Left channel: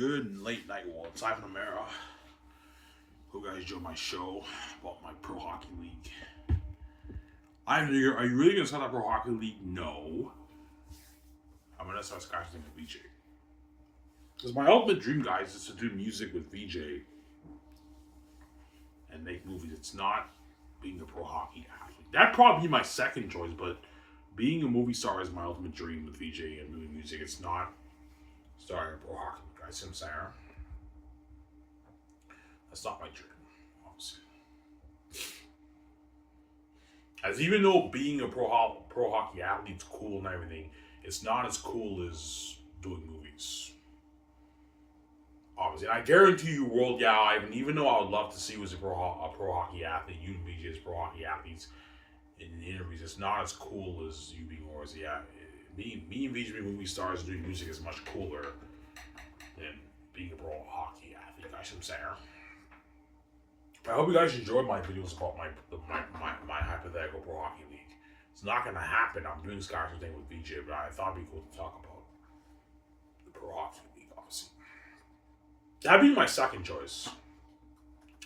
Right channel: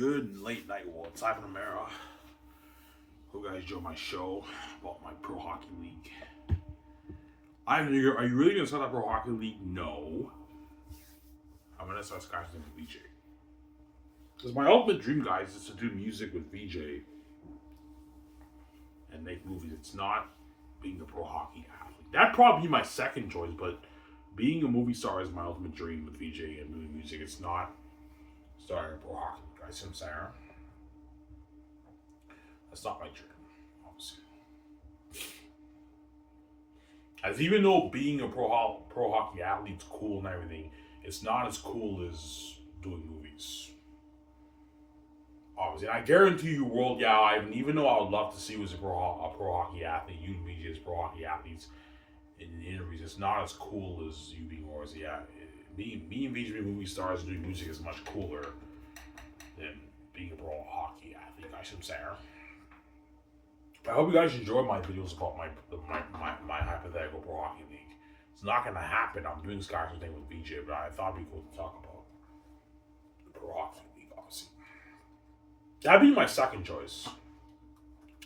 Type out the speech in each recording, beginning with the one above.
Good late night war. It's Ivan Amara. Hope you guys enjoy my show about my Pro Hockey League. Ivan, are you really going to start that Pro Hockey League? No. I'm going to start Sky's name with VJ. Because my ultimate dream, guys, is to do music with VJ and make movies. It's not being a pro hockey athlete. That'd probably be my second choice, but being a movie star is my ultimate dream with VJ and doing music. It's not starting a pro hockey league. Guys, I'm saying that's not my dream, obviously. As even though being a pro hockey athlete's cool and everything, it's not as cool as doing movies. Obviously, and I guarantee you, World Ivan, even though I would love to see you as a pro hockey athlete, you and VJ as pro hockey athletes in interviews, it's not as cool as you being or as me and VJ being movie stars doing music is much cooler than being a pro hockey athlete. I should say. I hope you guys enjoy my videos about my hypothetical pro hockey league. It's not going to happen. I'm doing Sky's thing with VJ, but I thought it'd be cool to talk about the pro hockey league, obviously. That'd be my second choice.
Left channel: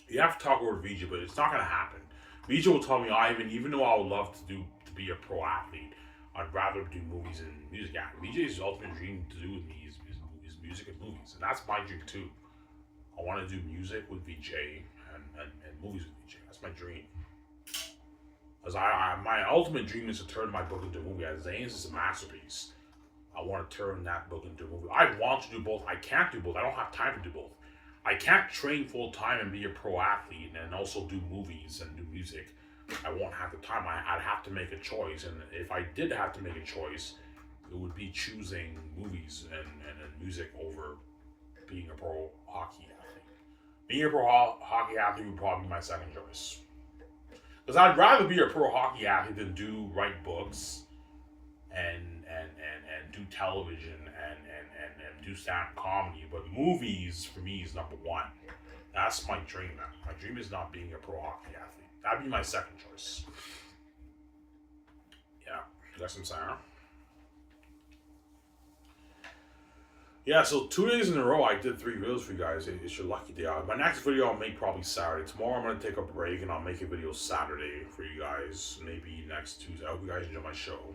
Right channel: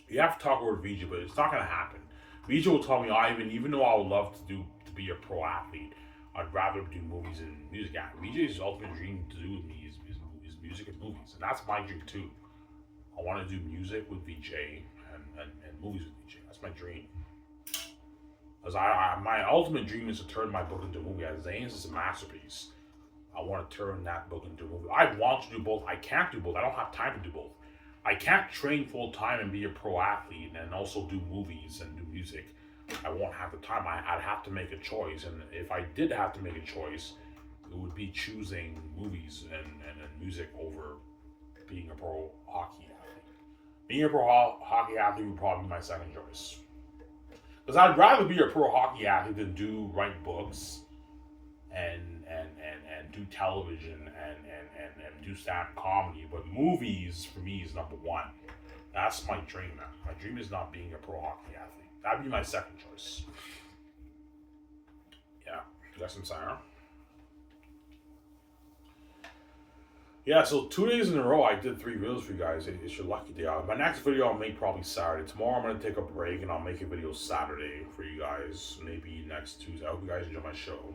You have to talk with VJ, but it's not going to happen. VJ will tell me, Ivan, even though I would love to be a pro athlete, I'd rather do movies and music. VJ's ultimate dream to do with me is music and movies, and that's my dream too. I want to do music with VJ and movies with VJ. That's my dream. As my ultimate dream is to turn my book into a movie. As Zane's is a masterpiece. I want to turn that book into a movie. I want to do both. I can't do both. I don't have time to do both. I can't train full time and be a pro athlete and also do movies and do music. I won't have the time. I'd have to make a choice. And if I did have to make a choice, it would be choosing movies and music over being a pro hockey athlete. Being a pro hockey athlete would probably be my second choice. Because I'd rather be a pro hockey athlete than write books and do television and do stand-up comedy. But movies for me is number one. That's my dream. My dream is not being a pro hockey athlete. That'd be my second choice. Yeah, that's what I'm saying. Yeah, so 2 days in a row I did 3 videos for you guys. It's your lucky day. My next video I'll make probably Saturday. Tomorrow I'm going to take a break and I'll make a video Saturday for you guys. Maybe next Tuesday. I hope you guys enjoy my show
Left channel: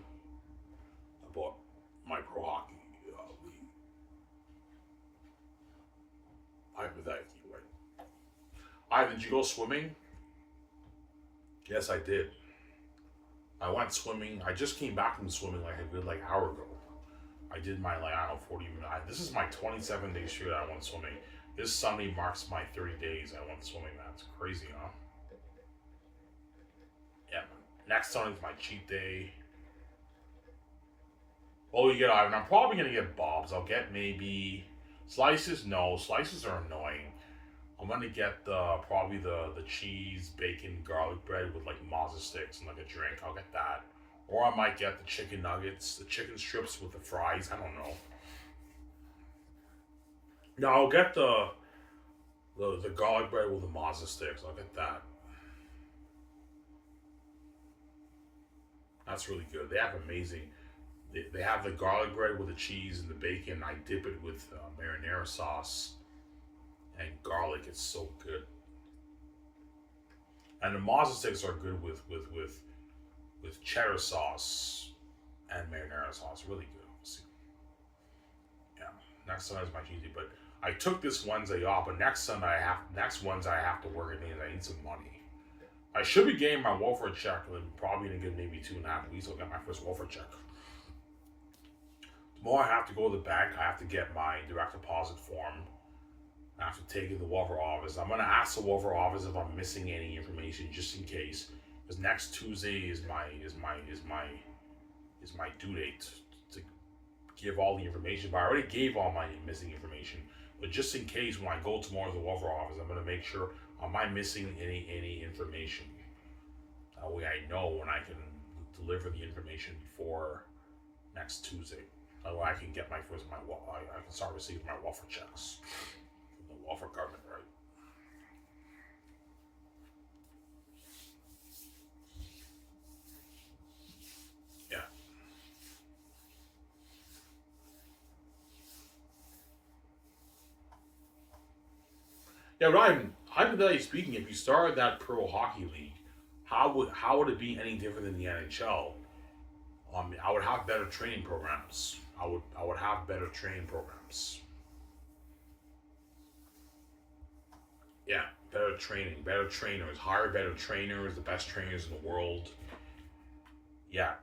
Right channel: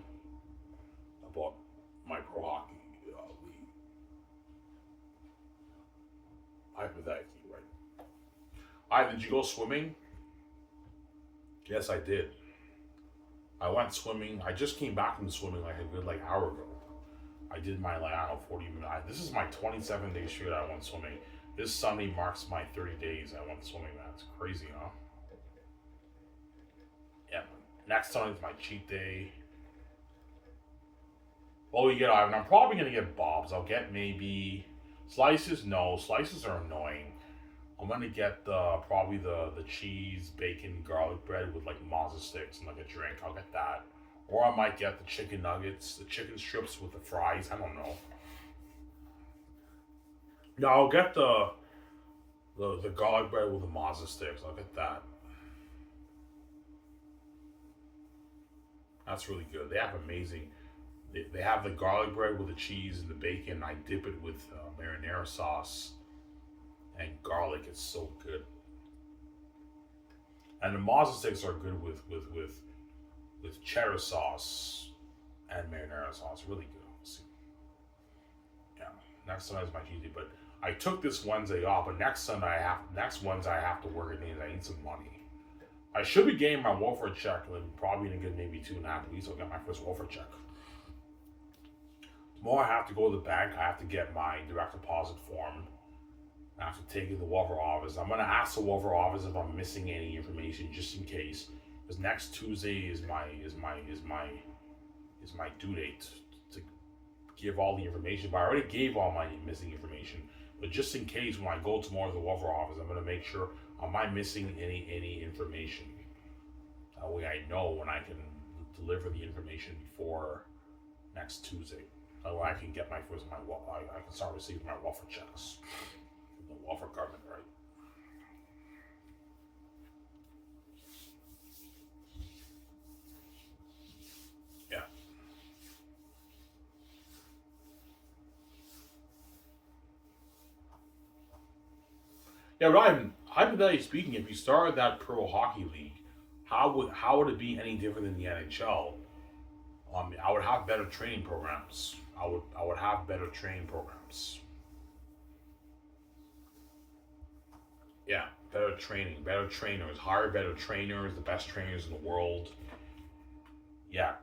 about my pro hockey league. Hypothetically, right? Did you go swimming? Yes, I did. I went swimming. I just came back from swimming like a good hour ago. I did my 40 minutes. This is my 27 day straight I went swimming. This Sunday marks my 30 days I went swimming. That's crazy, huh? Yeah. Next Sunday's my cheat day. Well, you get Ivan. I'm probably gonna get Bob's. I'll get maybe slices. No, slices are annoying. I'm gonna get probably the cheese, bacon, garlic bread with mazza sticks and a drink. I'll get that. Or I might get the chicken nuggets, the chicken strips with the fries. I don't know. No, I'll get the garlic bread with the mazza sticks. I'll get that. That's really good. They have amazing. They have the garlic bread with the cheese and the bacon. I dip it with marinara sauce and garlic. It's so good. And the mazza sticks are good with cheddar sauce and marinara sauce. Really good. See. Yeah. Next Sunday's my Tuesday, but I took this Wednesday off. But next Wednesday I have to work and I need some money. I should be getting my welfare check probably in a good maybe 2.5 weeks. I'll get my first welfare check. Tomorrow I have to go to the bank. I have to get my direct deposit form. I have to take it to the welfare office. I'm gonna ask the welfare office if I'm missing any information just in case. Because next Tuesday is my due date to give all the information. But I already gave all my missing information. But just in case, when I go tomorrow to the welfare office, I'm gonna make sure am I missing any information. That way I know when I can deliver the information before next Tuesday. That way I can get I can start receiving my welfare checks from the welfare government, right? Yeah. Yeah, but I'm hypothetically speaking, if you started that pro hockey league, how would it be any different than the NHL? I would have better training programs. I would have better training programs. Yeah, better training, better trainers, hire better trainers, the best trainers in the world. Yeah,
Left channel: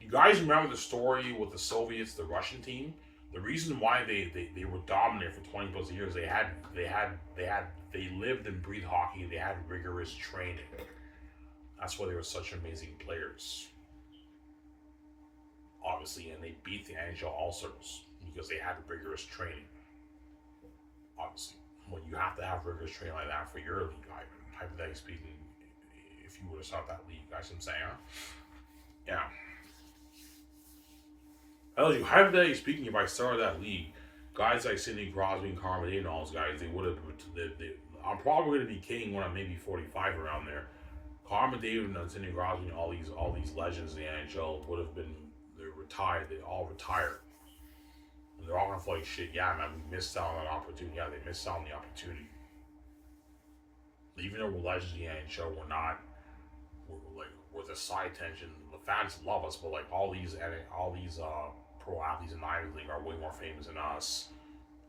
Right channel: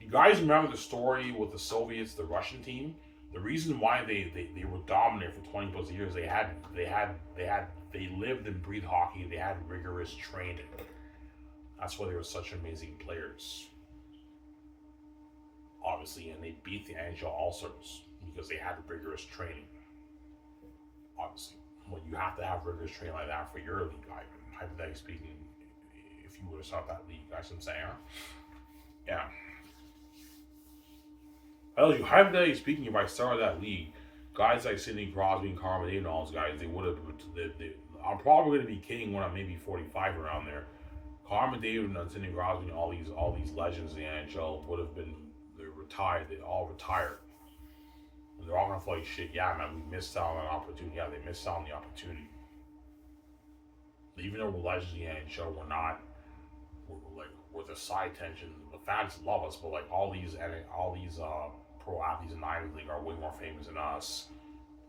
you guys remember the story with the Soviets, the Russian team? The reason why they were dominant for 20 plus years, they lived and breathed hockey. They had rigorous training. That's why they were such amazing players, obviously, and they beat the NHL All Stars because they had rigorous training. Obviously, well, you have to have rigorous training like that for your league. Hypothetically speaking, if you were to start that league, that's what I'm saying. Huh? Yeah. I tell you, hypothetically speaking, if I started that league, guys like Sidney Crosby and Carmen and all those guys, they would have. I'm probably going to be king when I'm maybe 45 around there. Carmen David and Sidney Crosby and all these legends in the NHL would have been they're retired. They all retired. And they're all gonna feel like shit. Yeah, man, we missed out on an opportunity. Yeah, they missed out on the opportunity. Even though we're legends in the NHL, we're not. We're the side tension. The fans love us, but like all these pro athletes in the Ivy League are way more famous than us,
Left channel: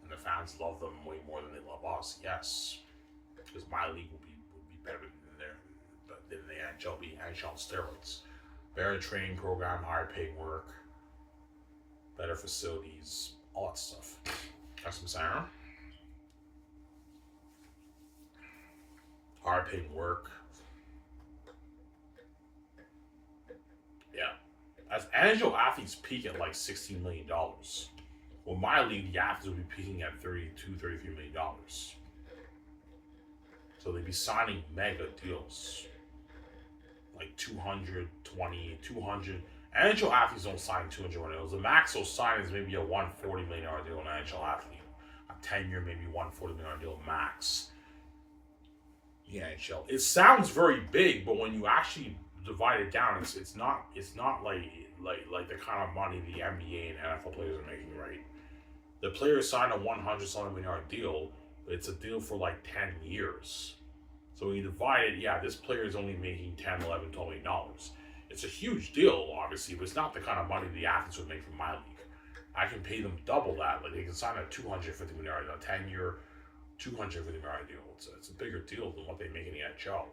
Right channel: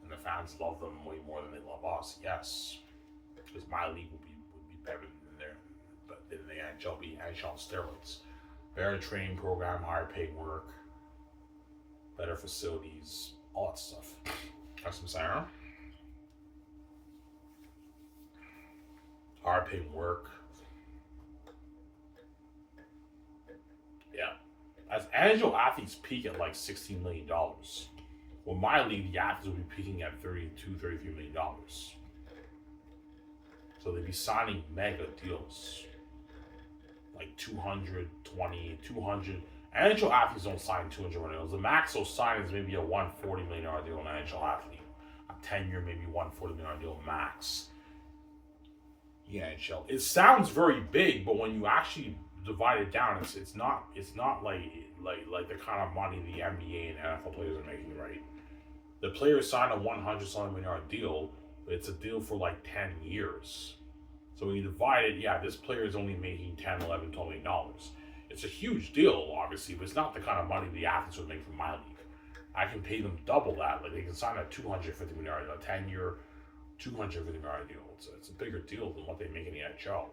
and the fans love them way more than they love us. Yes, because my league would be better than their than the NHL. Be NHL steroids, better training program, higher paid work, better facilities, all that stuff. That's what I'm saying. Huh? Higher paid work. Yeah. As NHL athletes peak at like $16 million. Well, my league, the athletes will be peaking at $33 million. So they'd be signing mega deals. Like 220, 200. NHL athletes don't sign 200 deals. The max they'll sign is maybe a $140 million deal an NHL athlete. A 10-year, maybe $140 million deal max. The NHL. It sounds very big, but when you actually divide it down, it's not like the kind of money the NBA and NFL players are making, right? The players sign a $100 million deal, but it's a deal for like 10 years. So when you divide it, yeah, this player is only making 10, 11, $12 million. It's a huge deal, obviously, but it's not the kind of money the athletes would make from my league. I can pay them double that. Like they can sign a $250 million, a 10-year, $250 million deal. It's a bigger deal than what they make in the NHL.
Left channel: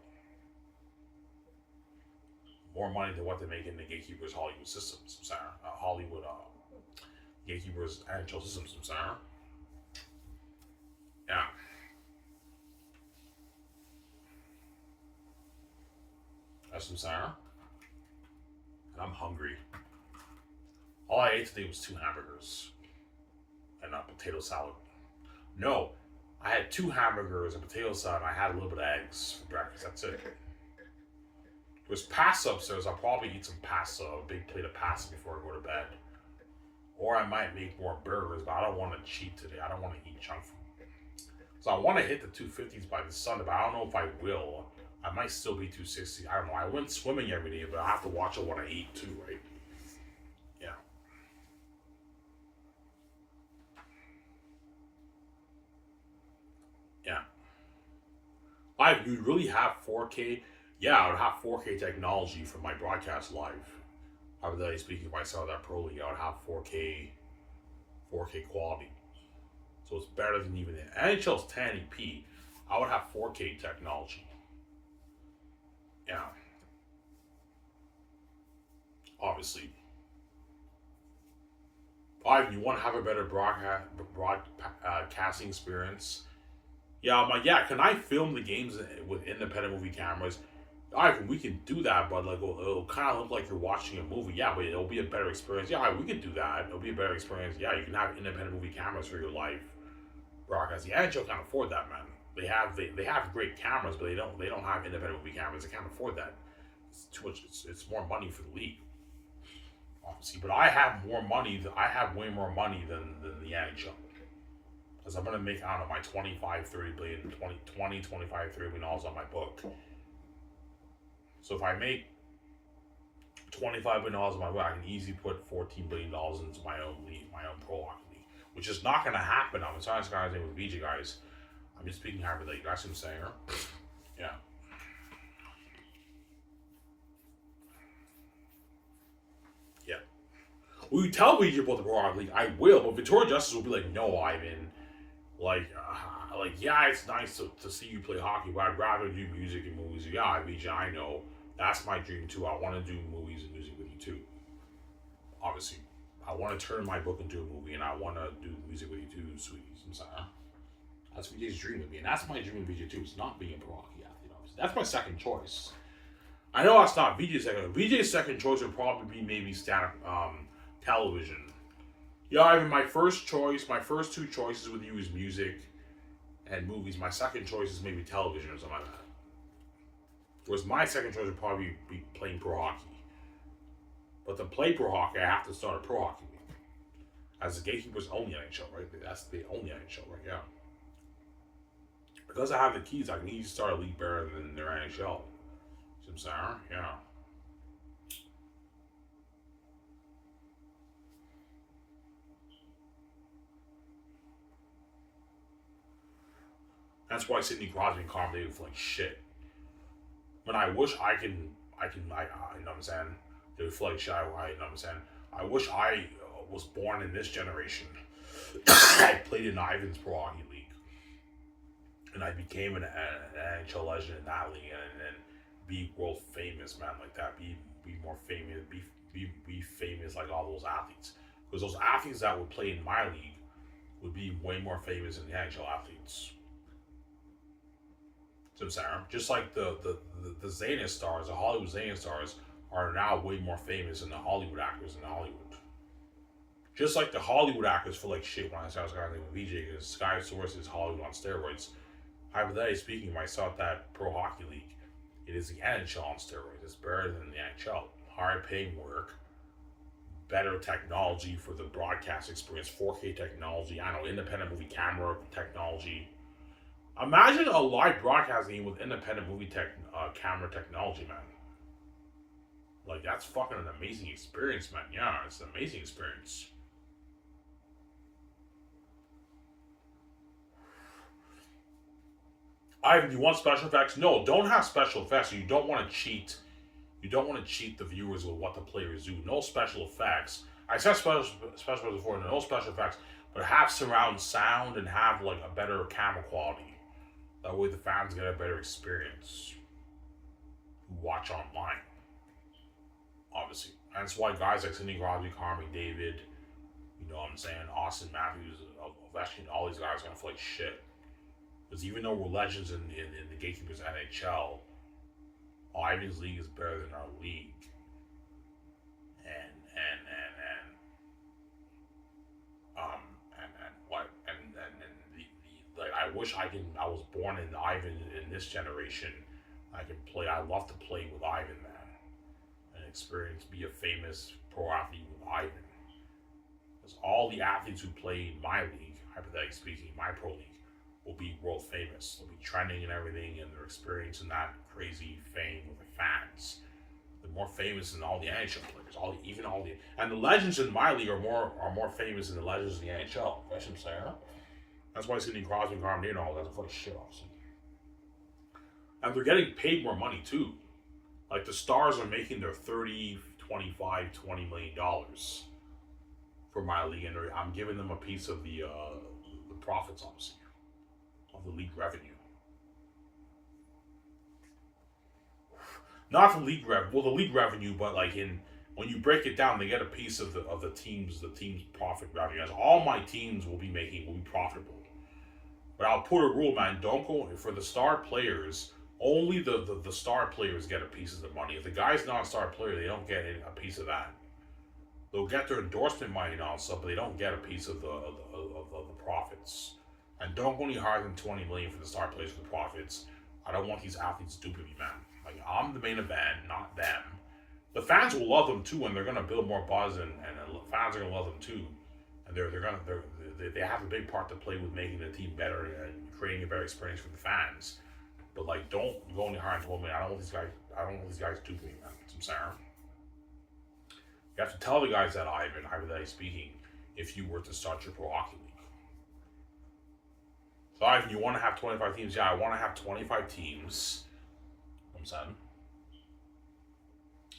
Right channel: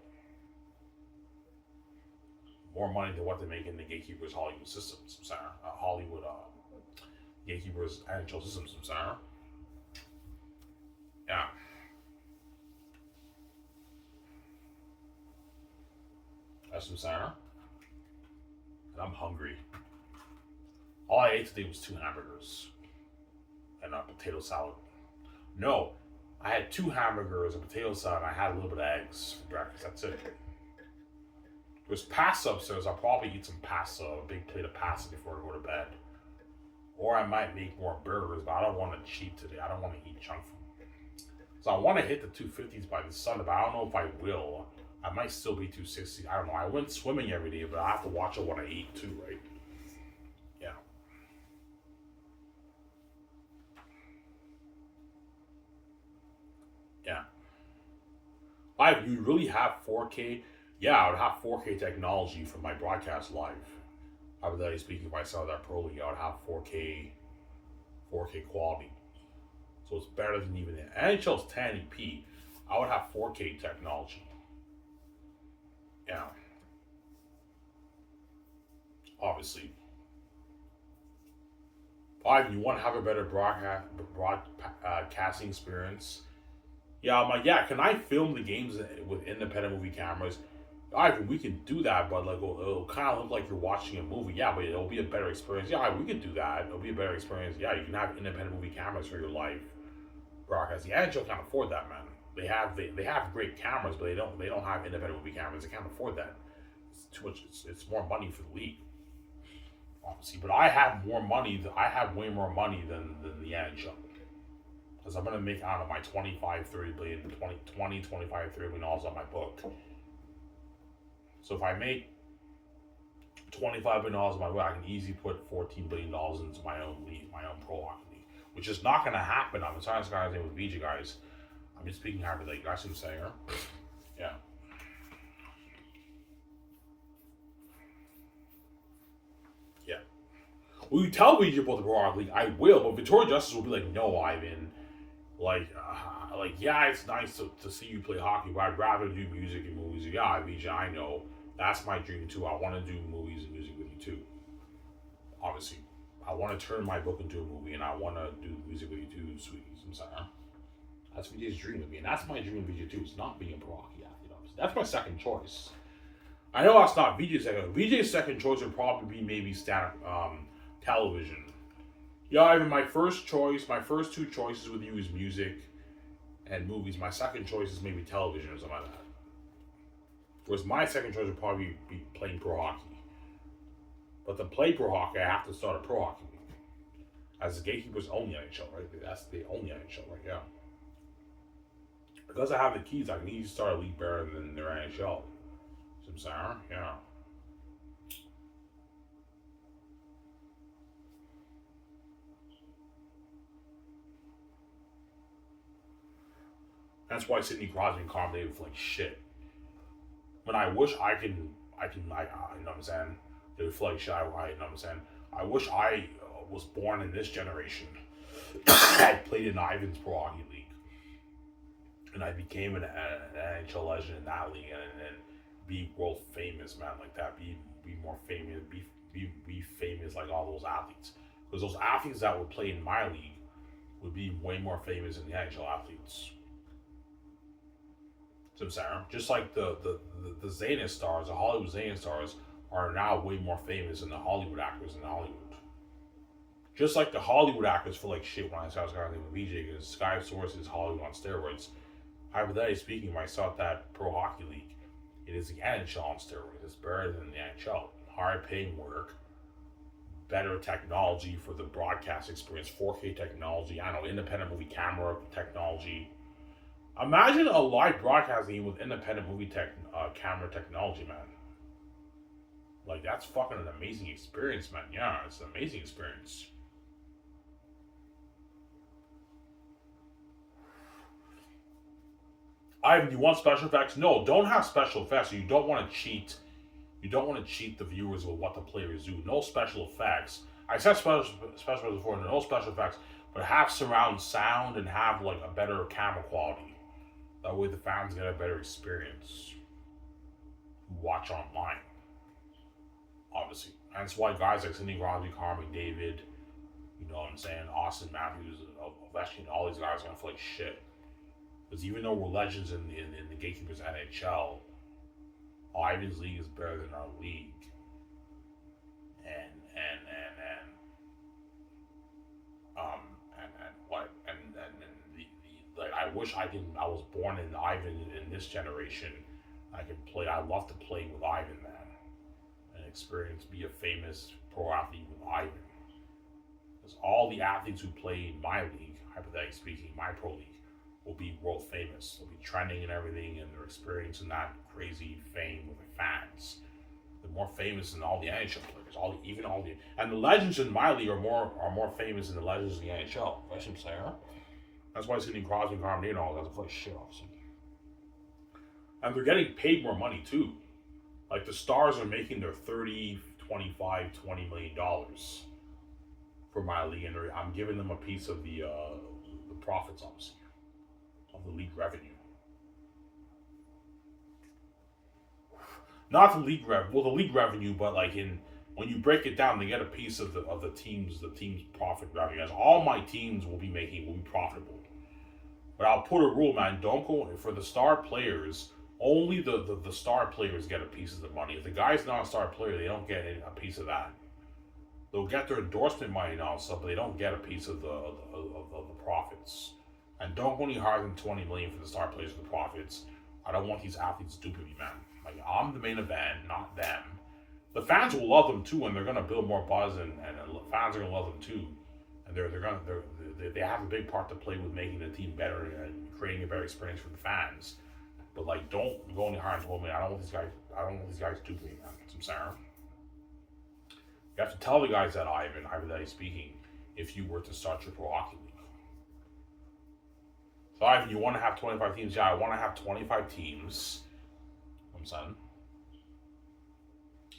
More money than what they make in the Gatekeepers Hollywood systems. Hollywood Gatekeepers NHL systems. Yeah, that's what I'm saying. And I'm hungry. All I ate today was 2 hamburgers and a potato salad. No, I had 2 hamburgers, a potato salad, and I had a little bit of eggs for breakfast. That's it. There's pasta upstairs. I'll probably eat some pasta, a big plate of pasta before I go to bed. Or I might make more burgers, but I don't want to cheat today. I don't want to eat junk food. So I want to hit the 250s by this Sunday, but I don't know if I will. I might still be 260. I don't know. I went swimming every day, but I have to watch what I eat too, right? Yeah. Yeah. You really have 4K? Yeah, I would have 4K technology for my broadcast live. Hypothetically speaking, if I saw that pro league, I would have 4K quality. So it's better than even the NHL's 1080p. I would have 4K technology. Yeah, obviously. You want to have a better broadcasting experience? Yeah, I'm like, yeah. Can I film the games with independent movie cameras? We can do that, but like it'll kind of look like you're watching a movie. Yeah, but it'll be a better experience. Yeah, we could do that. It'll be a better experience. Yeah, you can have independent movie cameras for your live broadcasting. The NHL can't afford that, man. They have great cameras, but they don't have independent movie cameras. They can't afford that. It's too much. It's more money for the league, obviously. But I have more money. I have way more money than the NHL. Because I'm gonna make out of my 25, 30 billion, 20, 25, 30 billion dollars on my book. So if I make $25 billion in my book, I can easily put $14 billion into my own league, my own pro hockey league, which is not gonna happen. I'm sorry, guys, with VG guys. I'm just speaking hypothetically. That's what I'm saying. Yeah. Yeah. Will you tell me about the Pro Hockey League? I will, but Victoria Justice will be like, no, Ivan. Yeah, it's nice to see you play hockey, but I'd rather do music and movies. Yeah, VJ, I know. That's my dream too. I want to do movies and music with you too. Obviously, I want to turn my book into a movie, and I want to do music with you too, sweeties. I'm sorry. That's VJ's dream of me, and that's my dream of VJ too. It's not being a pro hockey athlete. Obviously, that's my second choice. I know that's not VJ's second. VJ's second choice would probably be maybe stand-up television. Yeah, Ivan, my first choice, my first two choices with you is music and movies. My second choice is maybe television or something like that. Whereas my second choice would probably be playing pro hockey. But to play pro hockey, I have to start a pro hockey league. As the Gatekeepers own the NHL, right? That's the only NHL, right? Yeah. Because I have the keys, I can easily start a league better than their NHL. See what I'm saying? Yeah. That's why Sidney Crosby and Connor McDavid feel like shit. When I wish you know what I'm saying? They would feel like shit. You know what I'm saying? I wish I was born in this generation. I played in Ivan's Pro Hockey League. And I became an NHL legend in that league and then be world famous, man, like that. Be more famous, be famous like all those athletes. Because those athletes that would play in my league would be way more famous than the NHL athletes. So Sarah, just like the Zenith stars, the Hollywood Zenith stars are now way more famous than the Hollywood actors in Hollywood. Just like the Hollywood actors feel like shit when I started talking with VJ because Sky Source is Hollywood on steroids. Hypothetically speaking, when I saw that Pro Hockey League, it is the NHL on steroids. It's better than the NHL. Higher paying work, better technology for the broadcast experience, 4K technology, I don't know, independent movie camera technology. Imagine a live broadcasting with independent movie camera technology, man. Like, that's fucking an amazing experience, man. Yeah, it's an amazing experience. Ivan, you want special effects? No, don't have special effects. You don't want to cheat. You don't want to cheat the viewers with what the players do. No special effects. I said special effects before. No special effects, but have surround sound and have like a better camera quality. That way, the fans get a better experience. Watch online, obviously. And that's why guys like Sidney Crosby, Connor McDavid, you know what I'm saying, Austin Matthews, Ovechkin, all these guys are gonna feel like shit. Because even though we're legends in the Gatekeepers NHL, Ivan's league is better than our league. And what and the like I wish I was born in Ivan in this generation. I could play. I love to play with Ivan, man, and experience be a famous pro athlete with Ivan. Because all the athletes who play in my league, hypothetically speaking, my pro league, will be world famous. They'll be trending and everything, and they're experiencing that crazy fame with the fans. They're more famous than all the NHL players. And the legends in my league are more famous than the legends in the NHL. That's what I'm saying. Huh? That's why Sidney Crosby and Carmen and all that's like shit, obviously. And they're getting paid more money too. Like the stars are making their 30, 25, $20 million for my league, and I'm giving them a piece of the profits, obviously, of the league revenue. Not the league the league revenue, but like when you break it down, they get a piece of the team's profit revenue. As all my teams will be profitable. But I'll put a rule, man. Don't go for the star players. Only the star players get a piece of the money. If the guy's not a star player, they don't get a piece of that. They'll get their endorsement money and all stuff, but they don't get a piece of the profits. And don't go any higher than $20 million for the star players for the profits. I don't want these athletes duping me, man. Like I'm the main event, not them. The fans will love them too, and they're gonna build more buzz, and fans are gonna love them too. And they have a big part to play with making the team better and creating a better experience for the fans. But like, don't go any higher than $12 million. I don't want these guys duping me, man. I'm sorry. You have to tell the guys that hypothetically speaking, if you were to start your pro hockey league. So Ivan, you want to have 25 teams? Yeah, I want to have 25 teams. I'm saying.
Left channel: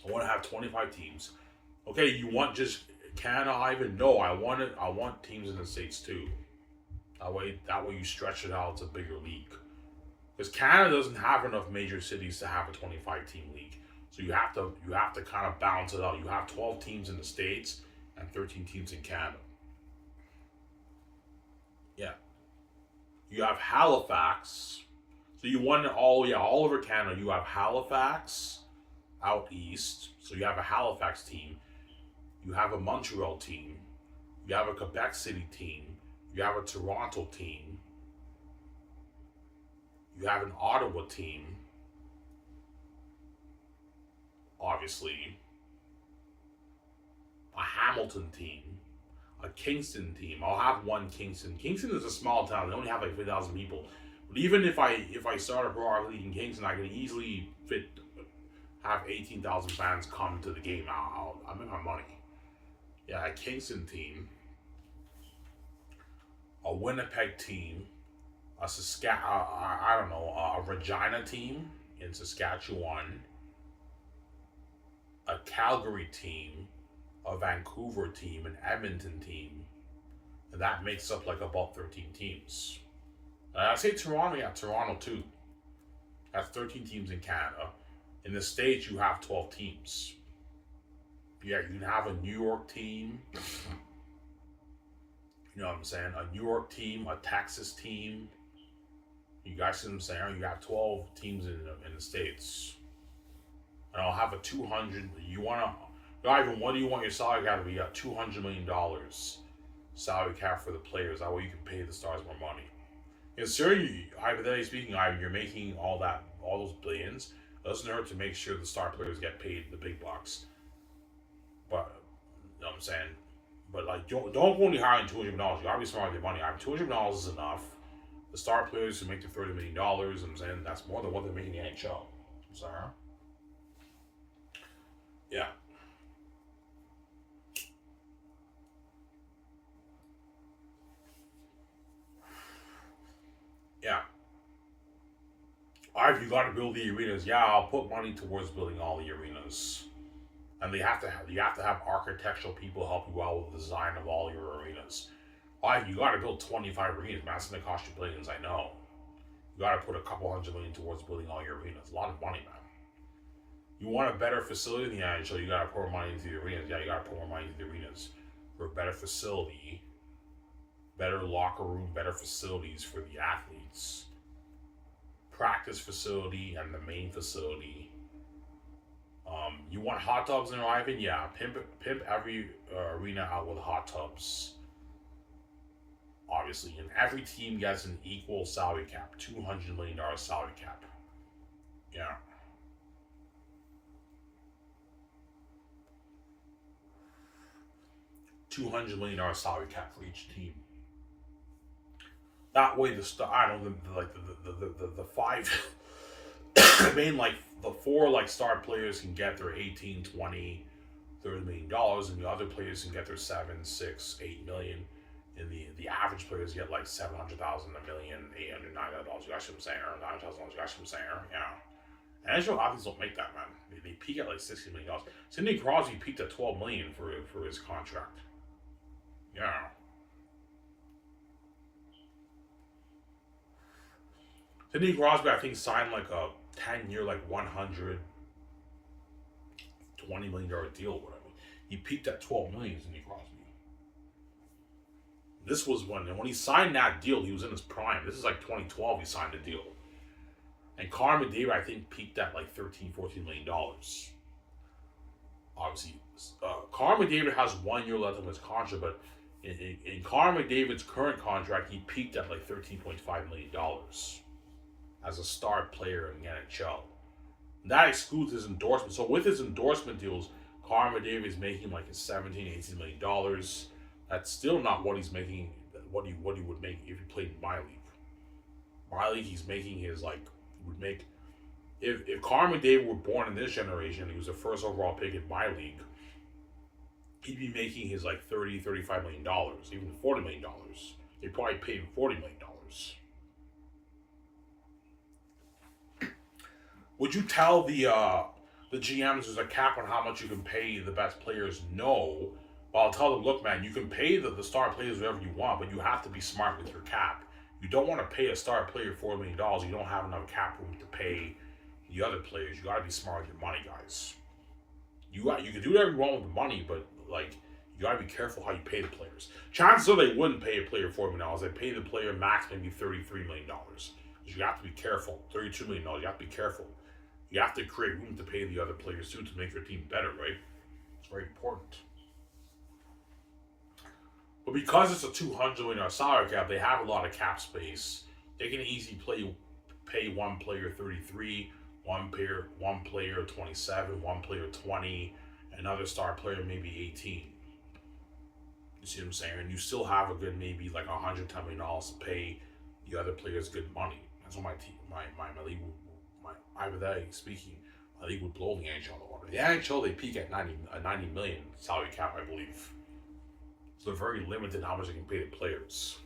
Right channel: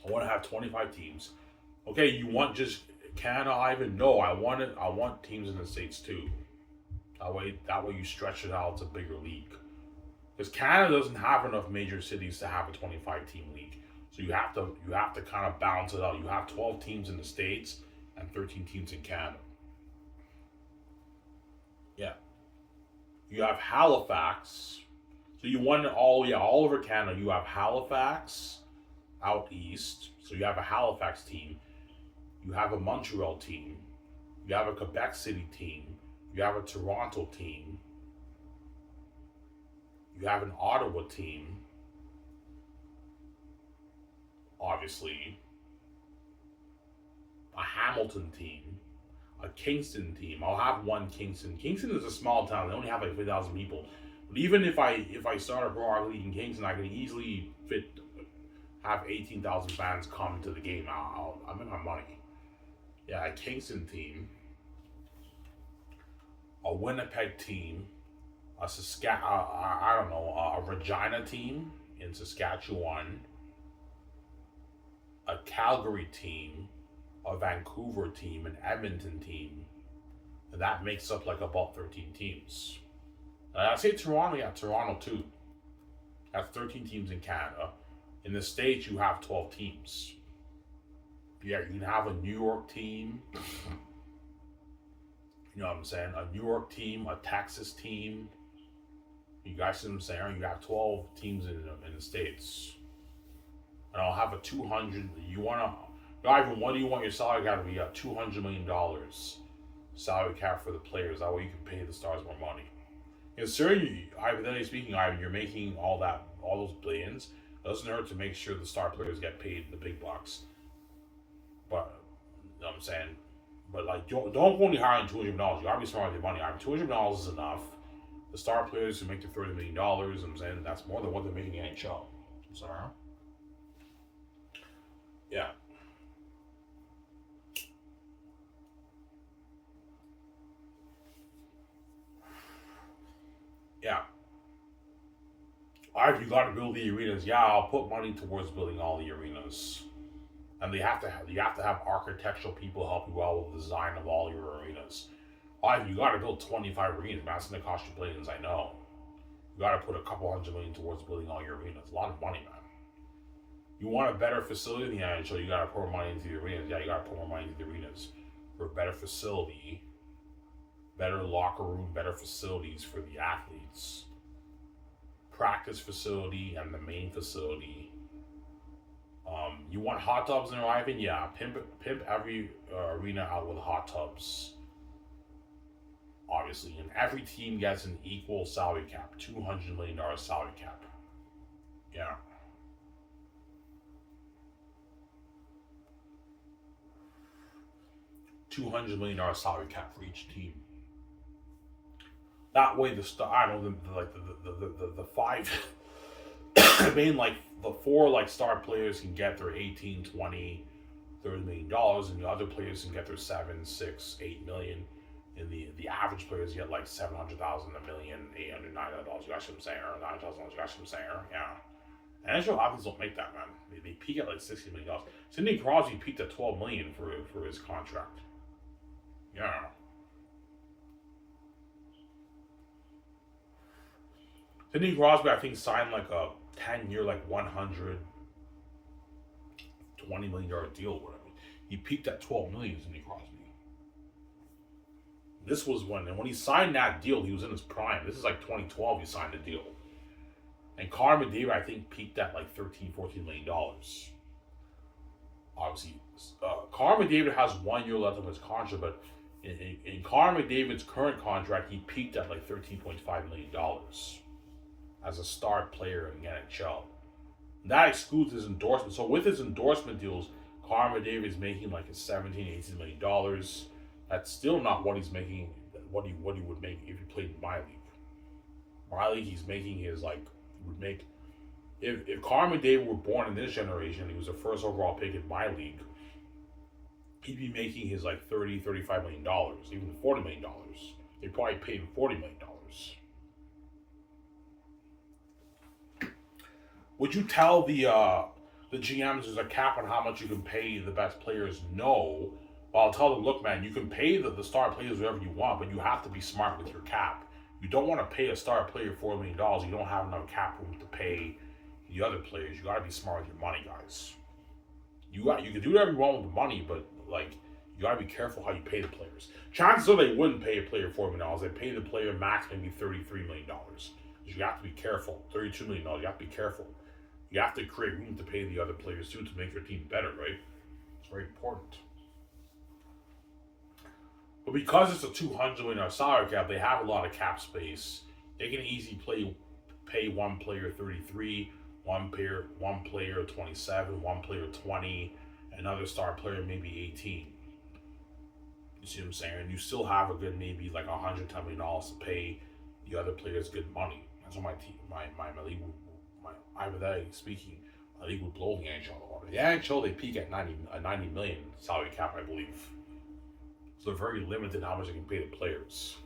I want to have 25 teams. Okay, you want just Canada, Ivan? No, I want it. I want teams in the States too. That way you stretch it out. It's a bigger league. Because Canada doesn't have enough major cities to have a 25 team league. So you have to kind of balance it out. You have 12 teams in the States and 13 teams in Canada. Yeah. You have Halifax. So you want all over Canada. You have Halifax out east. So you have a Halifax team. You have a Montreal team. You have a Quebec City team. You have a Toronto team. You have an Ottawa team. Obviously. A Hamilton team. A Kingston team. I'll have one Kingston. Kingston is a small town. They only have like 50,000 people. But even if I start a pro hockey league in Kingston, I can easily have 18,000 fans come to the game. I'll make my money. Yeah, a Kingston team. A Winnipeg team. A Regina team in Saskatchewan. A Calgary team. A Vancouver team, an Edmonton team, and that makes up like about 13 teams. I say Toronto, yeah, Toronto too. That's 13 teams in Canada. In the States, you have 12 teams. Yeah, you can have a New York team. You know what I'm saying? A New York team, a Texas team. You guys see what I'm saying? You have 12 teams in the States. And I'll have a 200. You want to. Ivan, what do you want your salary cap to be? You got $200 million salary cap for the players. That way you can pay the stars more money. Because hypothetically speaking, Ivan, you're making all those billions. It doesn't hurt to make sure the star players get paid the big bucks. But, you know what I'm saying? But, like, don't only hire $200 million. You gotta be smart with your money. Ivan, $200 million is enough. The star players who make their $30 million, I'm saying that's more than what they're making in the NHL. I'm sorry. Yeah. Yeah. Alright, you got to build the arenas. Yeah, I'll put money towards building all the arenas, and you have to have architectural people help you out with the design of all your arenas. Alright, you got to build 25 arenas. Man, that's gonna cost you billions. I know. You got to put a couple $100 million towards building all your arenas. A lot of money, man. You want a better facility in the NHL, you got to pour more money into the arenas. Yeah, you got to pour more money into the arenas for a better facility. Better locker room, better facilities for the athletes. Practice facility and the main facility. You want hot tubs in there, Ivan? Yeah, pimp every arena out with hot tubs. Obviously, and every team gets an equal salary cap, $200 million salary cap. Yeah. $200 million salary cap for each team. That way, I don't know, the five, I mean, like the four like star players can get their 18, 20, $30 million, and the other players can get their 7, 6, 8 million, and the average players get like 700,000, a million, 800, $900. You guys what I'm saying, or $9,000. You guys what I'm saying, yeah. NHL athletes don't make that, man. They peak at like $60 million. Sidney Crosby peaked at 12 million for his contract. Yeah. Sidney Crosby, I think, signed like a 10-year, like $120 million deal or whatever. He peaked at 12 million, Sidney Crosby. This was when he signed that deal, he was in his prime. This is like 2012 he signed the deal. And Connor McDavid, I think, peaked at like $13-14 million. Obviously, Connor McDavid has 1 year left on his contract, but in Connor McDavid's current contract, he peaked at like $13.5 million as a star player in the NHL. That excludes his endorsement. So with his endorsement deals, Connor McDavid is making like $17-18 million. That's still not what he's making. What he would make if he played in my league. My league, he's making his like would make. If Connor McDavid were born in this generation, he was the first overall pick in my league. He'd be making his like $30-35 million, even $40 million. They probably paid him $40 million. Would you tell the GMs there's a cap on how much you can pay the best players? No. But I'll tell them, look, man, you can pay the star players whatever you want, but you have to be smart with your cap. You don't want to pay a star player $4 million. You don't have enough cap room to pay the other players. You got to be smart with your money, guys. You can do whatever you want with the money, but like you got to be careful how you pay the players. Chances are they wouldn't pay a player $4 million. They pay the player max maybe $33 million. You have to be careful. $32 million. You have to be careful. You have to create room to pay the other players too to make your team better, right? It's very important. But because it's a $200 million salary cap, they have a lot of cap space. They can easily pay one player 33, one player 27, one player 20, another star player maybe 18. You see what I'm saying? And you still have a good maybe like $110 million to pay the other players good money. That's what my league, hypothetically speaking, my league would blow the NHL water. The NHL they peak at 90 million salary cap, I believe. So they're very limited how much they can pay the players.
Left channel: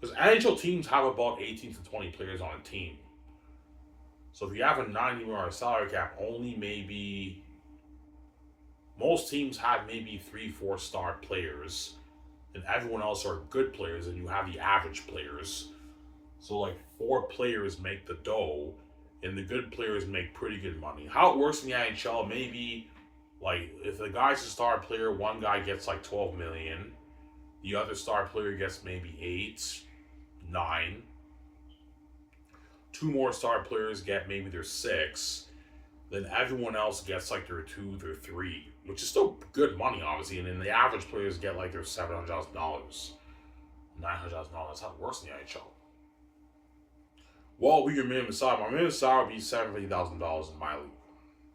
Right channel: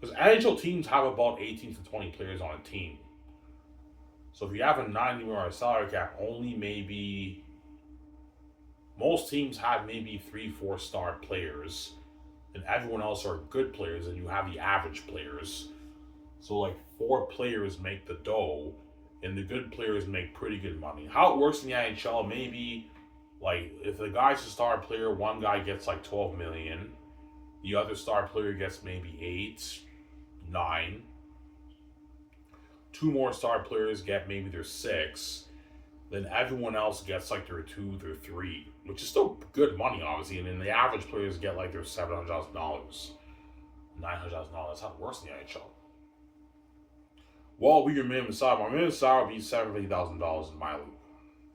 Because NHL teams have about 18 to 20 players on a team. So if you have a $90 million salary cap, only maybe most teams have maybe 3-4 star players, and everyone else are good players, and you have the average players. So like 4 players make the dough, and the good players make pretty good money. How it works in the NHL, maybe like if the guy's a star player, one guy gets like 12 million, the other star player gets maybe 8, 9. 2 more star players get maybe their 6. Then everyone else gets like their 2, their 3, which is still good money, obviously. And then the average players get like their $700,000, $900,000. That's how it works in the NHL. What would your minimum salary? My minimum salary would be $70,000 in my league.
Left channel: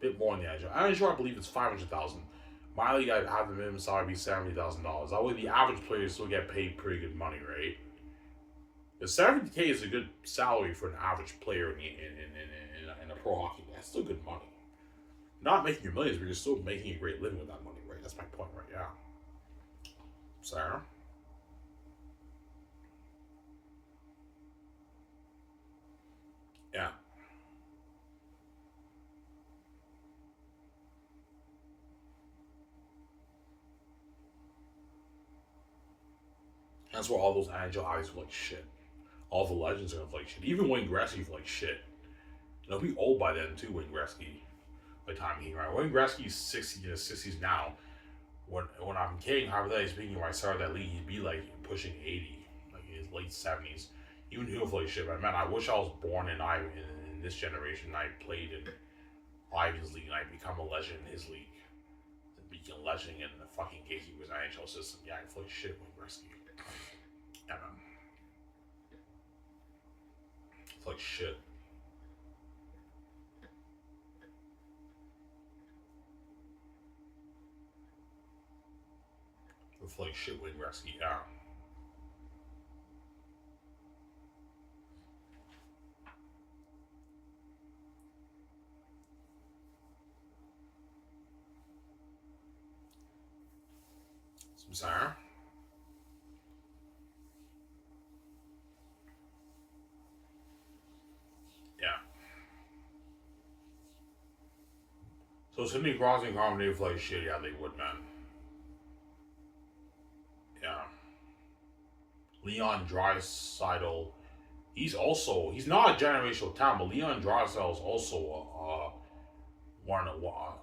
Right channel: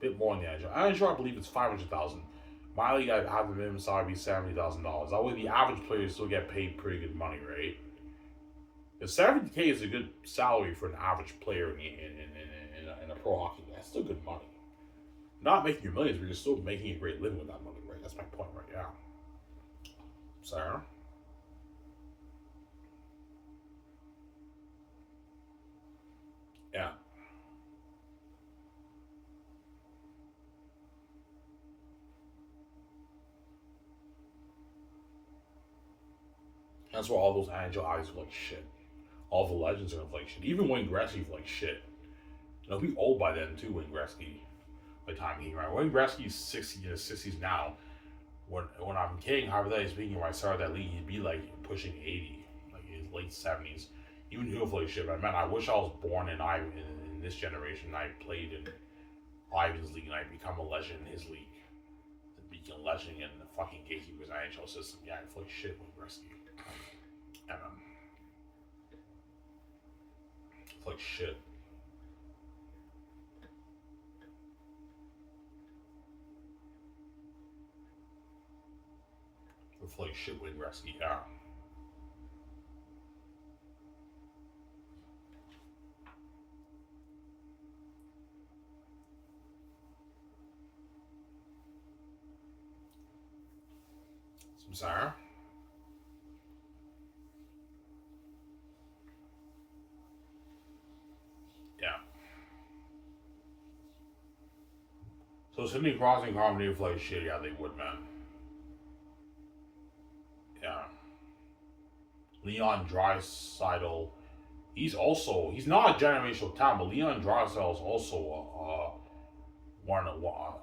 A bit more in the NHL. NHL, I believe it's $500,000. My league, I have the minimum salary be $70,000. That way, the average players still get paid pretty good money, right? The $70K is a good salary for an average player in a pro hockey. That's still good money. Not making your millions, but you're still making a great living with that money, right? That's my point, right? Yeah. Sarah? Yeah. That's why all those NHL eyes are like shit. All the legends are like shit. Even Wayne Gretzky's like shit. You know, he'll be old by then too, Wayne Gretzky. By the time he right. Wayne Gretzky's 60 in his 60s now. When I'm kidding, hypothetically speaking, when I started that league, he'd be like pushing 80, like in his late 70s. Even he'll play shit. But man, I wish I was born in this generation. I played in Ivan's league and I become a legend in his league. Become a legend in the fucking Gatekeepers NHL system. Yeah, I play shit with Gretzky. And it's like shit. It's like shit with Gretzky. Yeah. Some Sarah. Yeah. So Sidney Crosby and Carmen they play shit. Yeah, they would, man. Yeah. Leon Draisaitl. He's not a generational talent, but Leon Draisaitl is also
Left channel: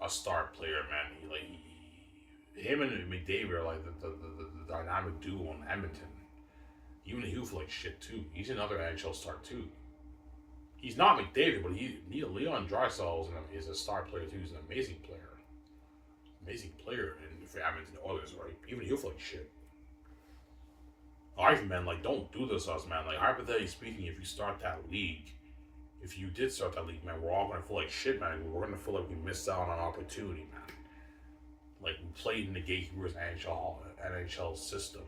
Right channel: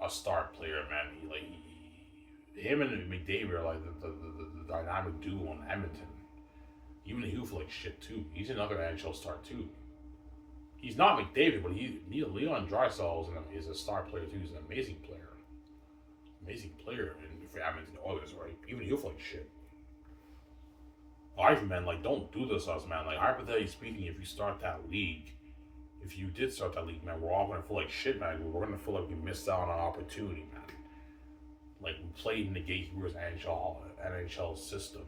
a star player, man. Him and McDavid are like the dynamic duo in Edmonton. Even he'll like shit too. He's another NHL star too. He's not McDavid, but Leon Draisaitl is a star player too. He's an amazing player in for Edmonton Oilers, right? Even he'll like shit. Life, man, like don't do this to us, man. Like hypothetically speaking, if you start that league, if you did start that league, man, we're all gonna feel like shit, man. We're gonna feel like we missed out on an opportunity, man. Like we played in the Gatekeepers NHL system.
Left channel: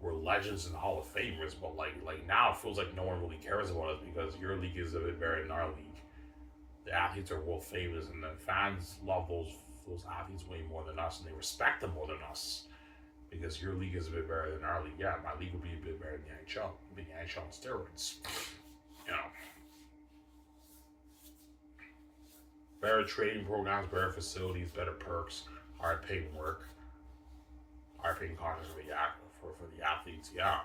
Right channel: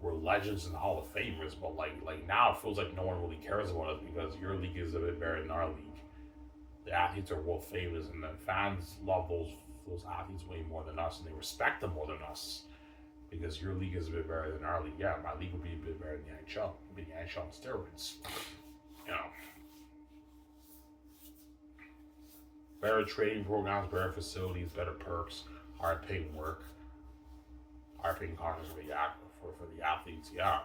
We're legends and Hall of Famers, but like now it feels like no one really cares about us because your league is a bit better than our league. The athletes are world famous, and the fans love those athletes way more than us, and they respect them more than us because your league is a bit better than our league. Yeah, my league would be a bit better than the NHL. It'd be the NHL on steroids, you know. Better training programs, better facilities, better perks, higher paying work, higher paying contracts for the athletes. Yeah,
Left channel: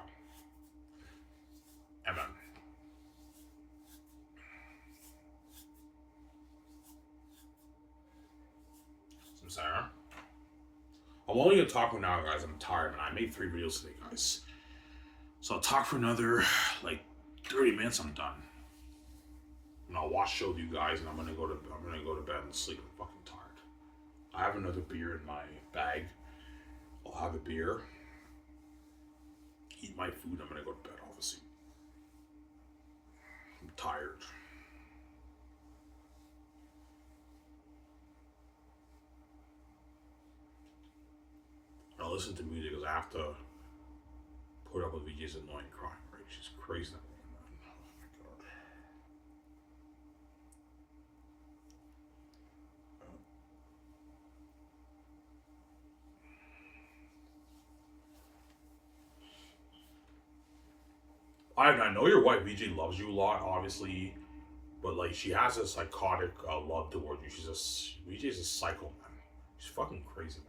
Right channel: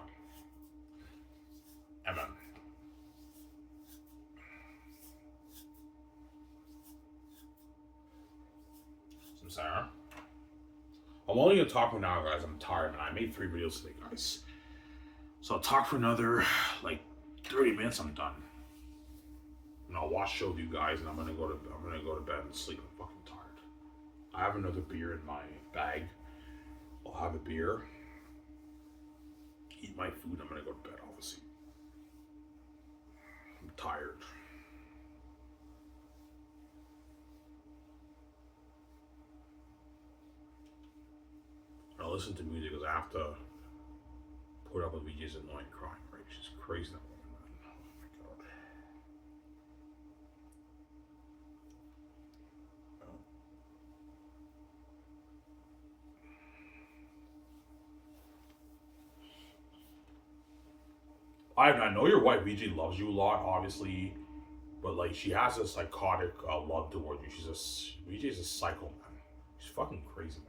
and man, I'm sorry. I'm only gonna talk for now, guys. I'm tired, man. I made 3 videos today, guys. So I'll talk for another like 30 minutes. I'm done. And I'll watch show with you guys, and I'm gonna go to bed and sleep. I'm fucking tired. I have another beer in my bag. I'll have a beer, eat my food. I'm gonna go to bed. Obviously, I'm tired. I'll listen to music because I have to put up with VJ's annoying crying. Right? She's crazy. That woman, man. Oh my god. I know your wife VJ loves you a lot, obviously, but like she has a psychotic love towards you. VJ's a psycho, man. She's fucking crazy, man.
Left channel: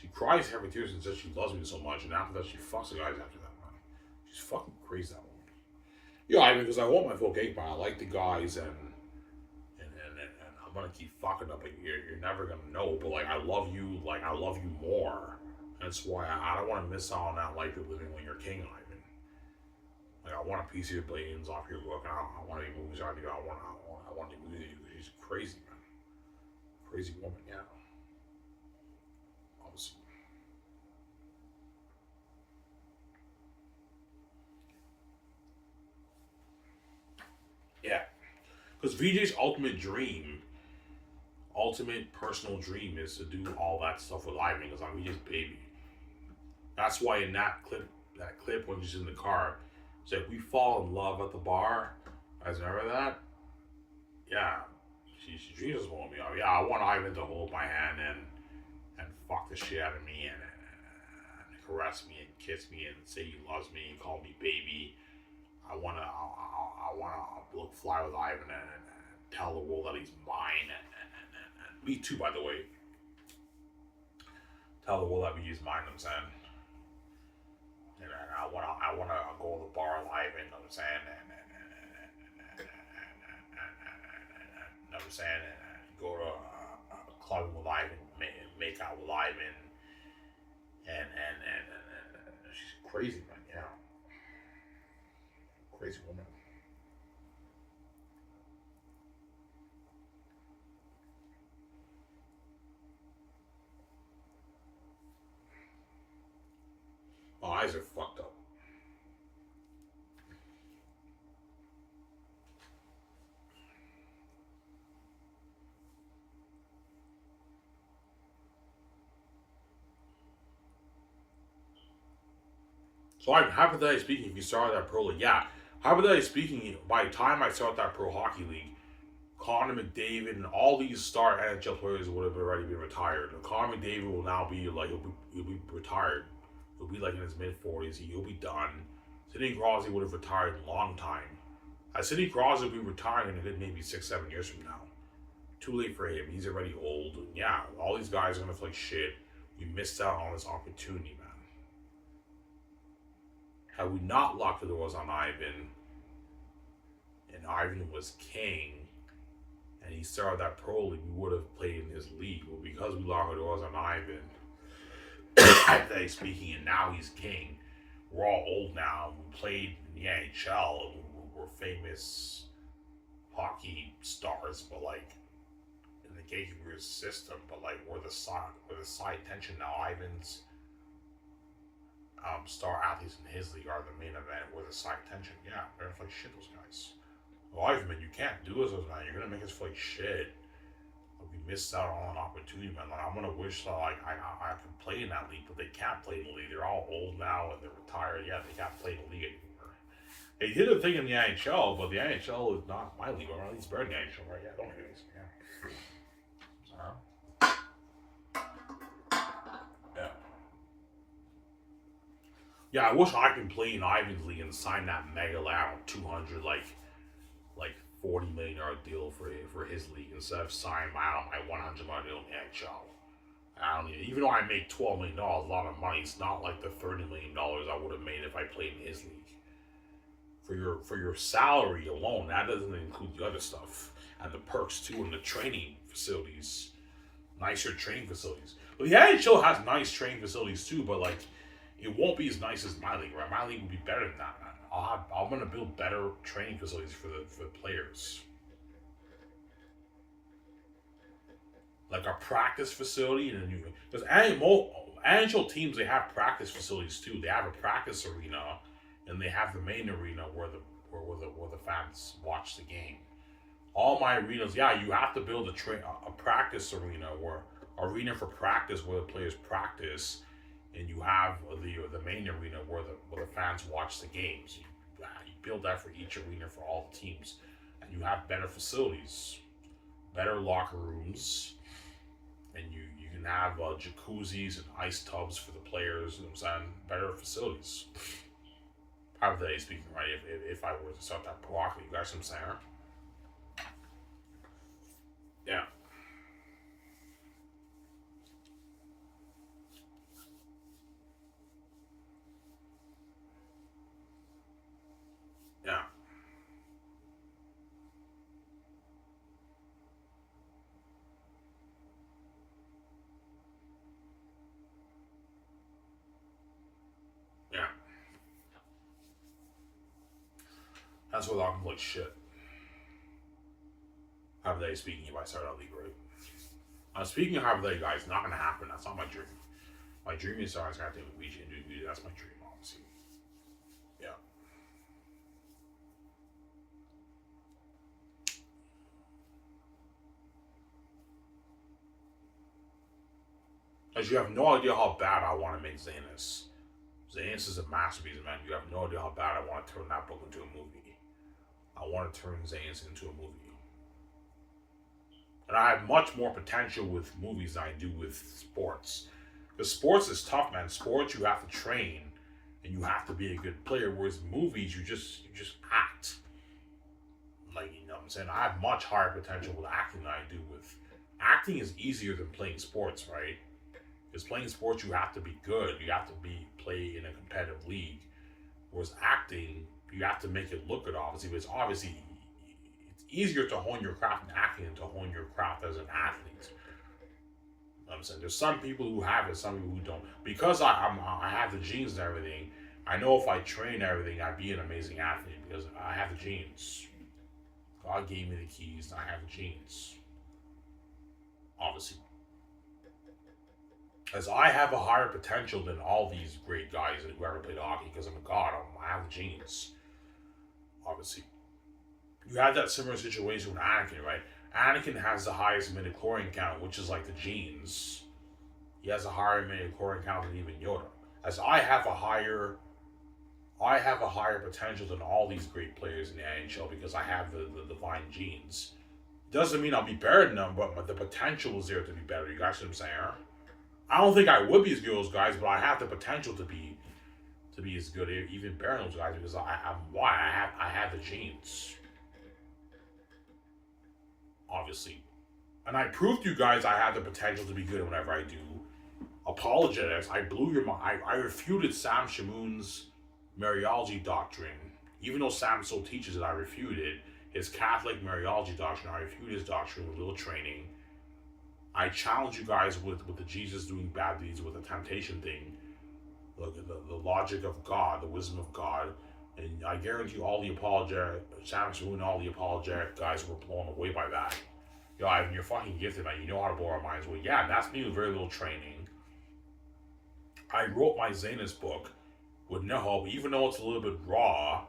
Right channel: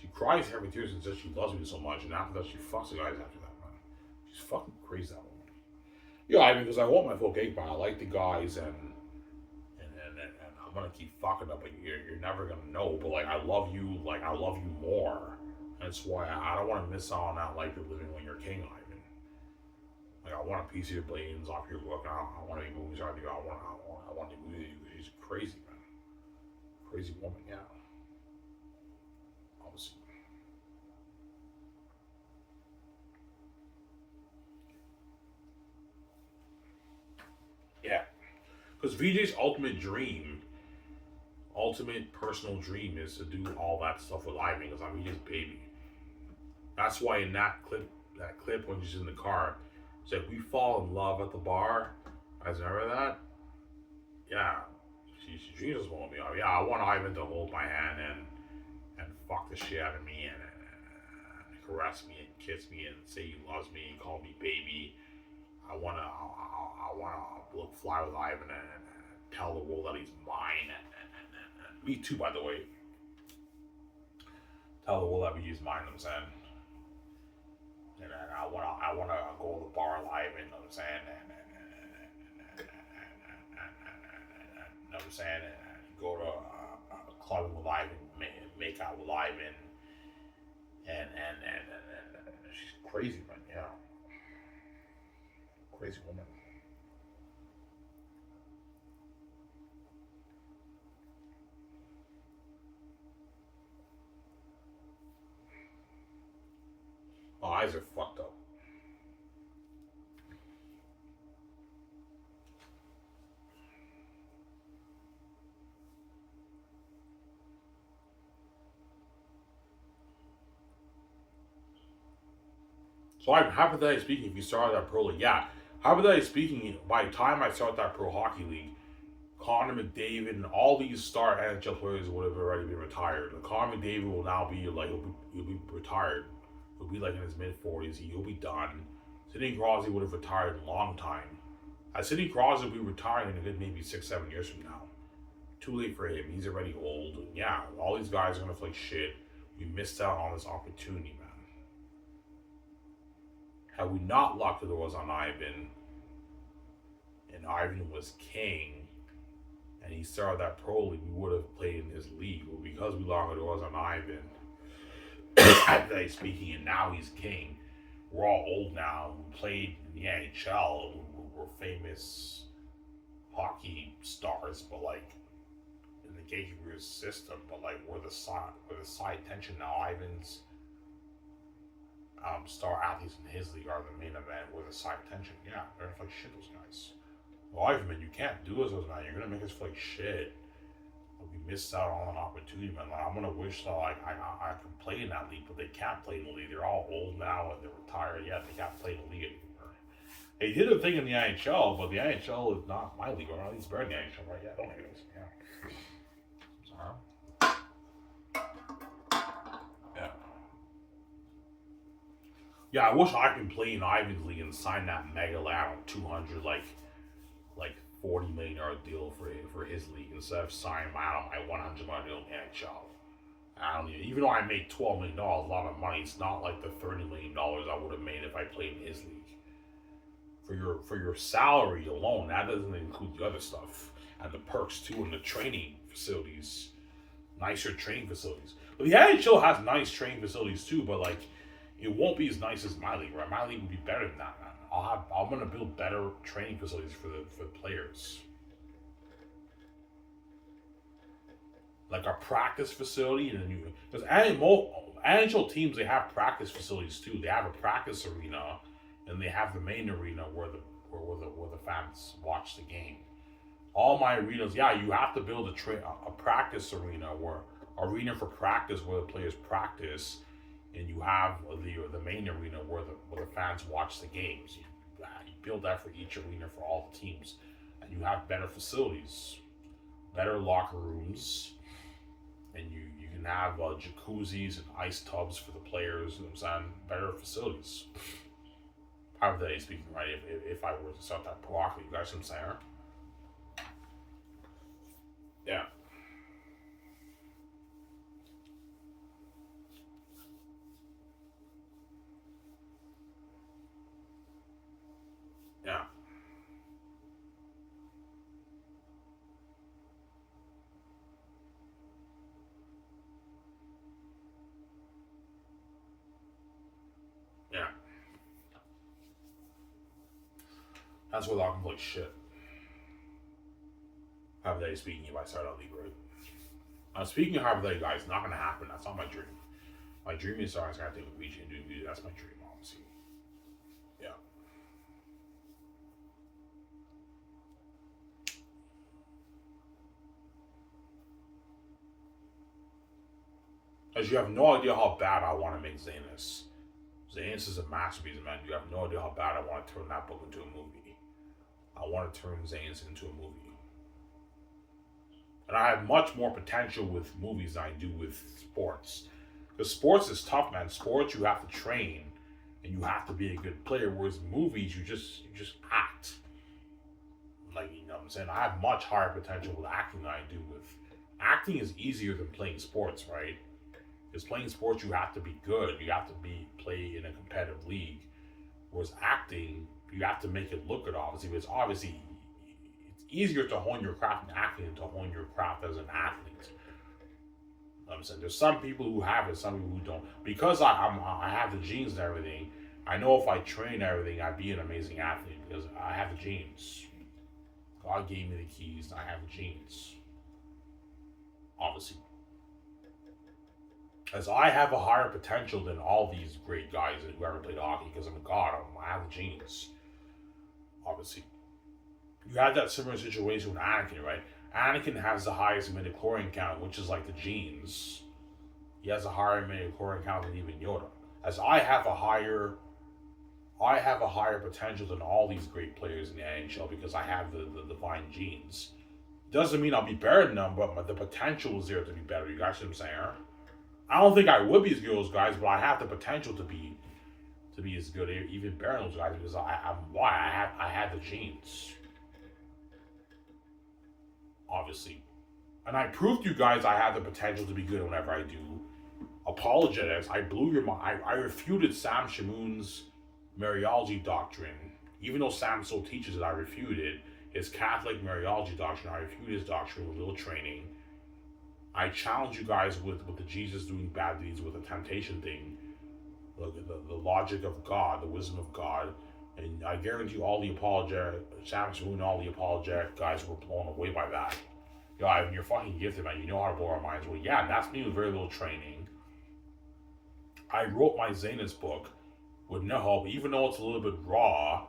She cries every tears and says she loves me so much, and after that she fucks the guys after that, man. She's fucking crazy, that woman. Yeah, I mean, because I want my full cake, man. I like the guys, and I'm gonna keep fucking up, but you're never gonna know. But like, I love you more. That's why I don't want to miss out on that life you're living when you're king, Ivan. Like, I want a piece of your brains off your book, and I want to be movies on you. I want to be with you. She's crazy, man. Crazy woman, yeah. Obviously. Yeah. Because VJ's ultimate personal dream is to do all that stuff with Ivan because I'm VJ's baby. That's why in that clip when she's in the car, it's like we fall in love at the bar. I remember that. Yeah, she dreams of holding me up. Yeah, I want Ivan to hold my hand and fuck the shit out of me and caress me and kiss me and say he loves me and call me baby. I wanna look fly with Ivan and tell the world that he's mine and me too, by the way. Tell the world that he's mine. I'm saying. And I wanna go to the bar live, you know what I'm saying, you know what I'm saying, and go to a club with live and make out with live and she's crazy, man, you know, crazy woman. My eyes are fucked up. So I'm hypothetically speaking, if you started that pro league, yeah. Hypothetically speaking, by the time I start that pro hockey league, Connor McDavid and all these star NHL players would have already been retired. And Connor McDavid will now be like he'll be retired. He'll be like in his mid 40s. He'll be done. Sidney Crosby would have retired a long time. Sidney Crosby will be retiring in a good maybe 6-7 years from now. Too late for him. He's already old. And yeah, all these guys are gonna feel like shit. We missed out on this opportunity, man. Had we not locked the doors on Ivan, and Ivan was king, and he started that pro league, we would have played in his league. But because we locked the doors on Ivan, hypothetically speaking, and now he's king, we're all old now. We played in the NHL. We're famous hockey stars, but like in the gatekeeper system. But like we're the side tension now. Ivan's star athletes in his league are the main event. We're the side tension. Yeah, they're like shit. Those guys. Well, Ivan, you can't do us, man. You're gonna make us feel like shit. We missed out on an opportunity, man. Like, I'm gonna wish that like I could play in that league, but they can't play in the league. They're all old now and they're retired. Yeah, they can't play in the league anymore. They did a thing in the NHL, but the NHL is not my league. Or at least better than the NHL, right? Yeah, don't anyways. Yeah. So, yeah. Yeah, I wish I could play in Ivan's league and sign that mega lab on 200 like $40 million deal for his league instead of signing my $100 million deal in the NHL. I don't even though I make $12 million, a lot of money. It's not like the $30 million I would have made if I played in his league. For your salary alone, that doesn't include the other stuff and the perks too, and the training facilities, nicer training facilities. But the NHL has nice training facilities too, but like it won't be as nice as my league. Right, my league will be better than that. I'm gonna build better training facilities for the players. Like a practice facility and a new, because NHL teams, they have practice facilities too. They have a practice arena, and they have the main arena where the fans watch the game. All my arenas, yeah, you have to build a practice arena for practice where the players practice, and you have the main arena where the fans watch the games. You build that for each arena for all the teams, and you have better facilities, better locker rooms. And you can have jacuzzis and ice tubs for the players, you know what I'm saying? Better facilities. Hypothetically speaking, right? If I were to start that pro hockey, you guys know what I'm saying? Yeah. Yeah. Yeah. That's what I'm like shit. Hypothetically speaking, if I start out league, right? Speaking of hypothetically, guys, not gonna happen. That's not my dream. My dream is I start taking Ouija and do that's my dream, obviously. Yeah. As you have no idea how bad I want to make Zanus. Zanus is a masterpiece, man. You have no idea how bad I want to turn that book into a movie. I want to turn Zanus into a movie. And I have much more potential with movies than I do with sports. Because sports is tough, man. Sports, you have to train and you have to be a good player. Whereas movies, you just act. Like, you know what I'm saying? I have much higher potential with acting than I do with acting is easier than playing sports, right? Because playing sports, you have to be good. You have to play in a competitive league. Whereas acting, you have to make it look good, obviously. But it's easier to hone your craft in acting than to hone your craft as an athlete. You know I'm saying there's some people who have it, some people who don't. Because I have the genes and everything. I know if I train everything, I'd be an amazing athlete because I have the genes. God gave me the keys, and I have the genes. Obviously. As I have a higher potential than all these great guys who ever played hockey because I'm a god. I have the genes. Obviously. You had that similar situation with Anakin, right? Anakin has the highest midichlorian count, which is like the genes. He has a higher midichlorian count than even Yoda. As I have a higher potential than all these great players in the NHL because I have the divine genes. Doesn't mean I'll be better than them, but the potential is there to be better. You guys know what I'm saying? I don't think I would be as good as those guys, but I have the potential to be as good, even better than those guys because I have the genes. Obviously. And I proved to you guys I have the potential to be good whenever I do apologetics. I blew your mind. I refuted Sam Shamoun's Mariology doctrine. Even though Sam still teaches it, I refuted his Catholic Mariology doctrine. I refuted his doctrine with a little training. I challenge you guys with the Jesus doing bad deeds with the temptation thing, the logic of God, the wisdom of God. And I guarantee you all the Sam Shamoun, all the apologetic guys were blown away by that. Yo, Ivan, you're fucking gifted, man. You know how to blow our minds away. Yeah, and that's me with very little training. I wrote my Zanus book with no help, even though it's a little bit raw.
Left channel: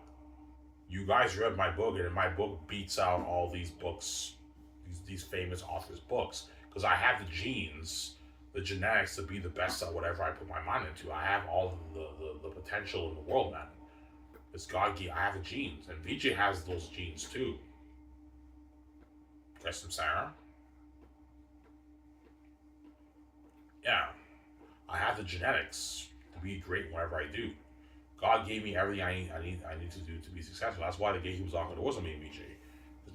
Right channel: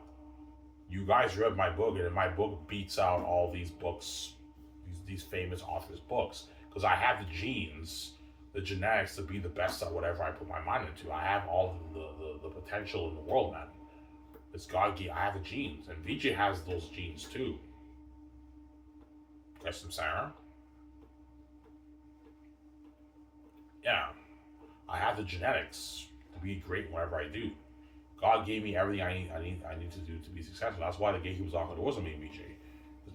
You guys read my book, and my book beats out all these books, these famous authors' books, because I have the genes, the genetics to be the best at whatever I put my mind into. I have all the potential in the world, man. It's God gave. I have the genes, and VJ has those genes too. Guess I'm saying? Yeah, I have the genetics to be great whatever I do. God gave me everything I need to do to be successful. That's why the gatekeepers lock the doors on me and VJ.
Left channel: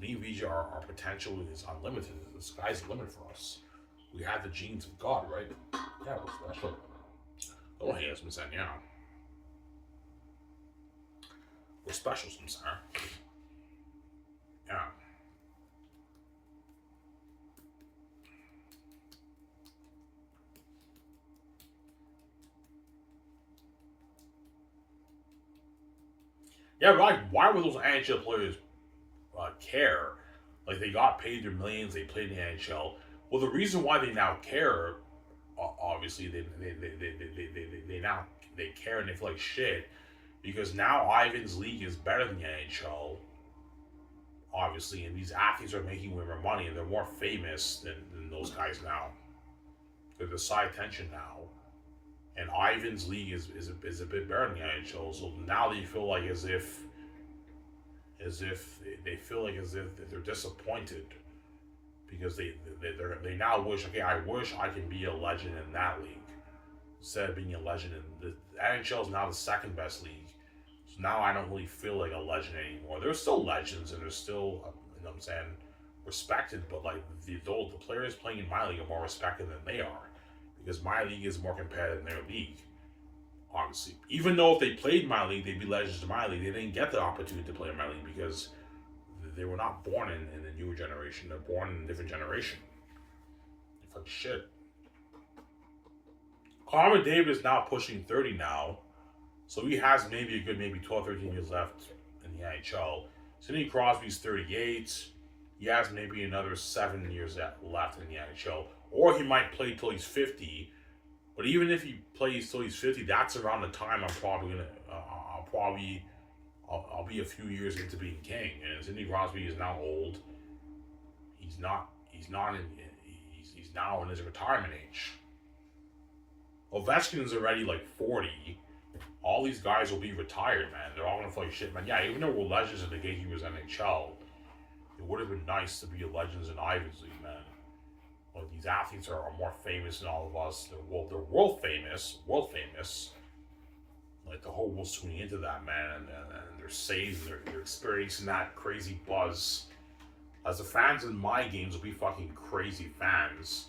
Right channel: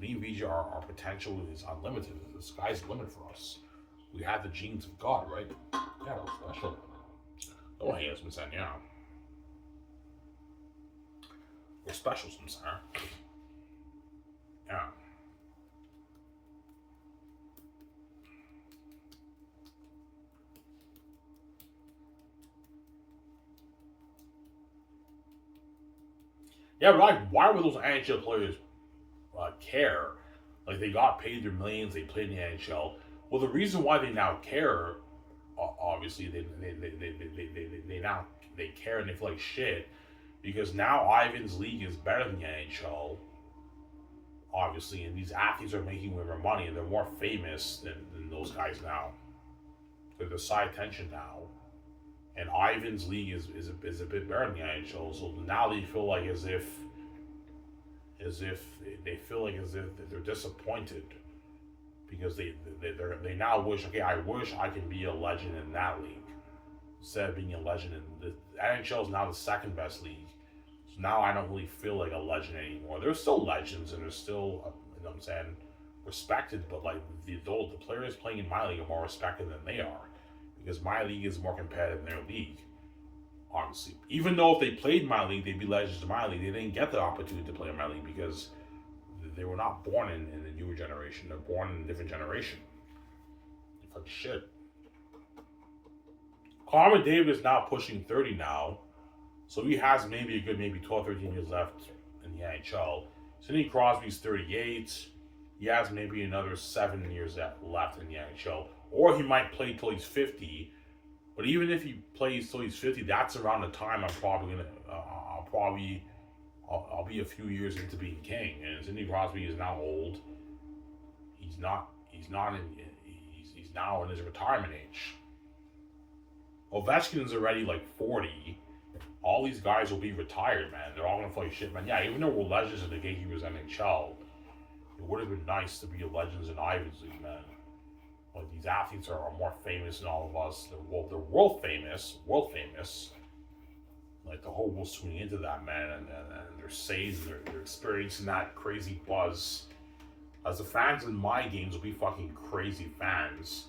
Me and VJ, our potential is unlimited. The sky's the limit for us. We have the genes of God, right? Yeah, we're special. Don't hate us, Miss Yeah. We're special, Miss Yeah. Yeah, but like, why would those NHL players care? Like, they got paid their millions, they played in the NHL. Well, the reason why they now care, obviously, they now they care and they feel like shit because now Ivan's league is better than the NHL, obviously, and these athletes are making way more money and they're more famous than those guys now. They're the side attention now. And Ivan's league is a bit better than the NHL. So now they feel like as if they feel like as if they're disappointed because they now wish, okay, I wish I could be a legend in that league instead of being a legend in the NHL is now the second best league. So now I don't really feel like a legend anymore. There's still legends and there's still you know what I'm saying, respected, but like the players playing in my league are more respected than they are because my league is more competitive than their league. Obviously, even though if they played my league, they'd be legends in my league. They didn't get the opportunity to play in my league because they were not born in the newer generation. They're born in a different generation. It's like shit. Connor McDavid is now pushing 30 now, so he has maybe a good 12, 13 years left in the NHL. Sidney Crosby's 38. He has maybe another 7 years left in the NHL, or he might play till he's 50. But even if he plays till he's 50, that's around the time I'll be a few years into being king. And Sidney Crosby is now old. He's now in his retirement age. Ovechkin's already like 40. All these guys will be retired, man. They're all gonna play shit, man. Yeah, even though we're legends in the Gatekeepers NHL, it would have been nice to be legends in Ivan's League, man. Like these athletes are more famous than all of us. They're world famous. Like the whole world's tuning into that, man, and they're saved. They're experiencing that crazy buzz. As the fans in my games will be fucking crazy fans,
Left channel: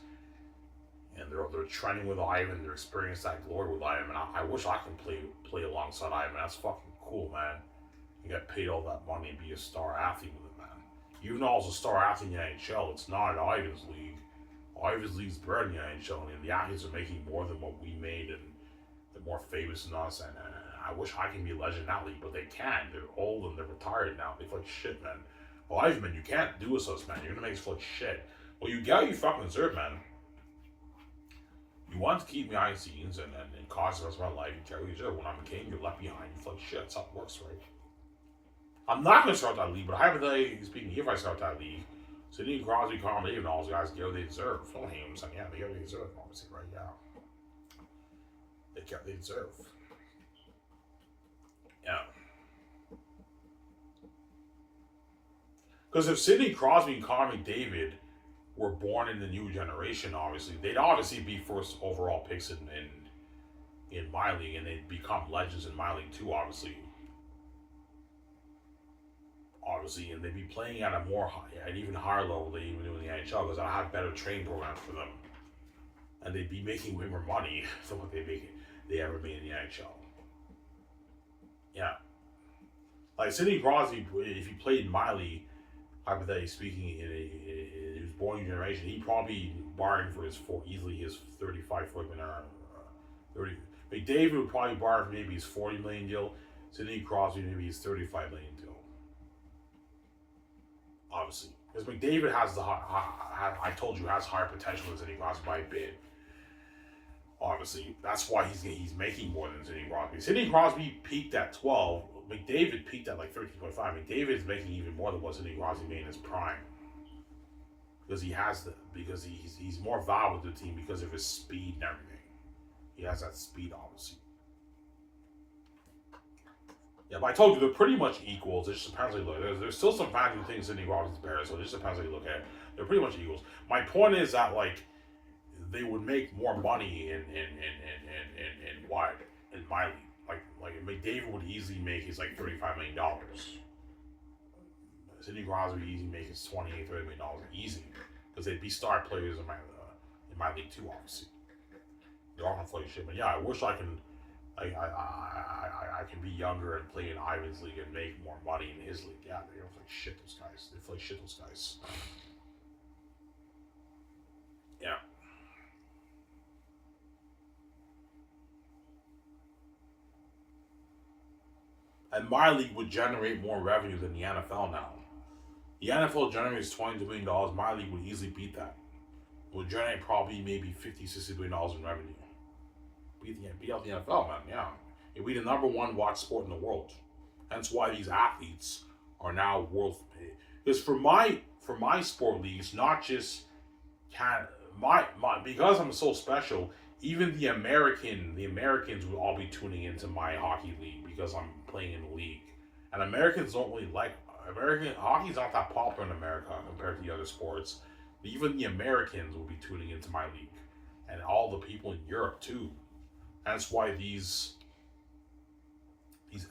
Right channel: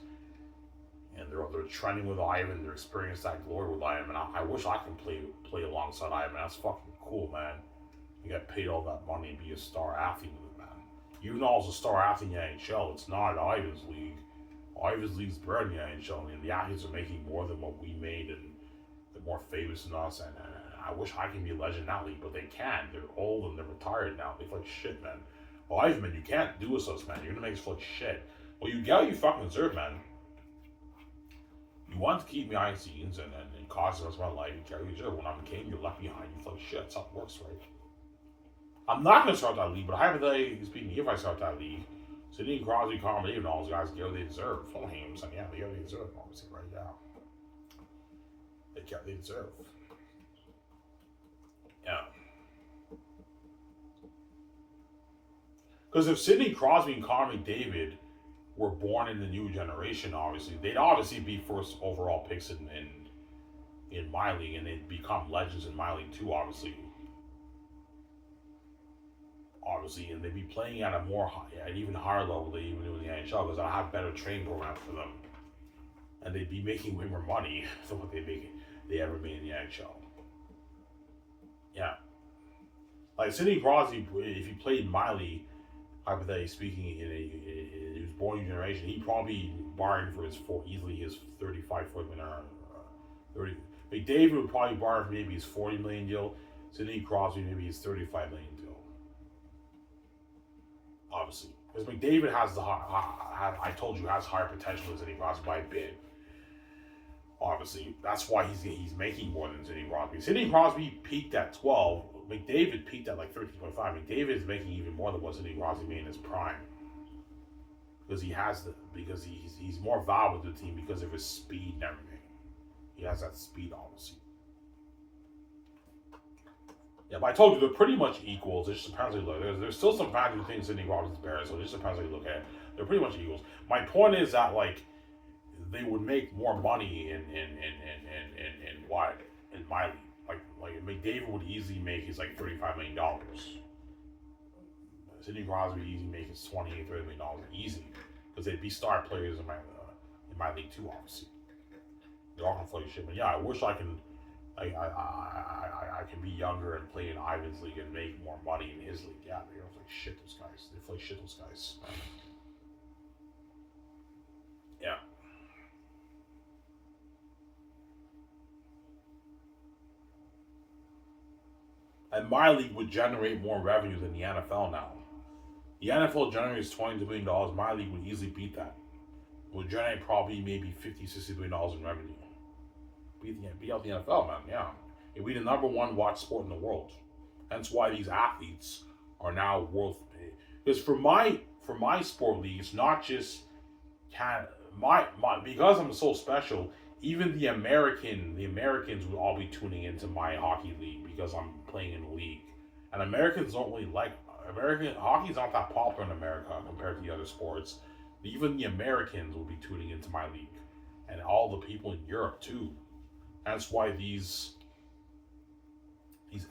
and they're trending with Ivan. They're experiencing that glory with Ivan. And I wish I can play alongside Ivan. That's fucking cool, man. You get paid all that money and be a star athlete with it, man. Even though I was a star athlete in the NHL, it's not Ivan's league. Ivan's league's better than the NHL, and the athletes are making more than what we made, and they're more famous than us. And I wish I can be a legend in that league, but they can't. They're old and they're retired now. They feel like shit, man. Well, Ivan, you can't do this to us, man. You're gonna make us feel like shit. Well, you get what you fucking deserve, man. You want to keep me behind the scenes and cause us my life. You get what you deserve. When I'm king, you're left behind. You feel like shit. That's how it works, right? I'm not gonna start that league, but hypothetically speaking, if I start that league, Sidney Crosby, Connor McDavid, and all those guys get what they deserve. Don't hate them. Yeah, they get what they deserve. Obviously, right? Yeah, they get what they deserve. Yeah. Because if Sidney Crosby and Connor McDavid were born in the new generation, obviously, they'd obviously be first overall picks in my league, and they'd become legends in my league too, obviously. And they'd be playing at an even higher level than they even do in the NHL because I have better training programs for them, and they'd be making way more money than what they ever made in the NHL. Yeah, like Sidney Crosby, if he played in my league, hypothetically speaking, he was born in a generation, he'd probably bargain for easily his 35-40 million. 30. McDavid would probably bargain for maybe his 40 million deal. Sidney Crosby maybe his 35 million deal. Obviously, because McDavid has I told you, has higher potential than Sidney Crosby by a bit. Obviously, that's why he's making more than Sidney Crosby. Sidney Crosby peaked at 12. McDavid peaked at like 13.5. McDavid is making even more than what Sidney Crosby made in his prime. Because he's more valuable to the team because of his speed and everything. He has that speed, obviously. Yeah, but I told you they're pretty much equals. It just depends how you look. There's still some fans who think Sidney Crosby's better, so it just depends how you look at it. They're pretty much equals. My point is that like they would make more money in my league. Like McDavid would easily make his like $35 million. Sidney Crosby easy makes $28, $30 million easy because they'd be star players in my league too. Obviously, they're all gonna play shit. But yeah, I wish I can. I can be younger and play in Ivan's league and make more money in his league. Yeah, they don't play shit those guys. They play shit those guys. Yeah. And my league would generate more revenue than the NFL now. The NFL generates $22 million. My league would easily beat that. It would generate probably maybe $50, $60 million in revenue. Beat out the NFL, man. Yeah. It'd be the number one watch sport in the world. That's why these athletes are now worth. Because for my sport league, it's not just because I'm so special. Even the Americans would all be tuning into my hockey league because I'm playing in the league. And Americans don't really like American hockey's not that popular in America compared to the other sports. Even the Americans will be tuning into my league, and all the people in Europe too. That's why these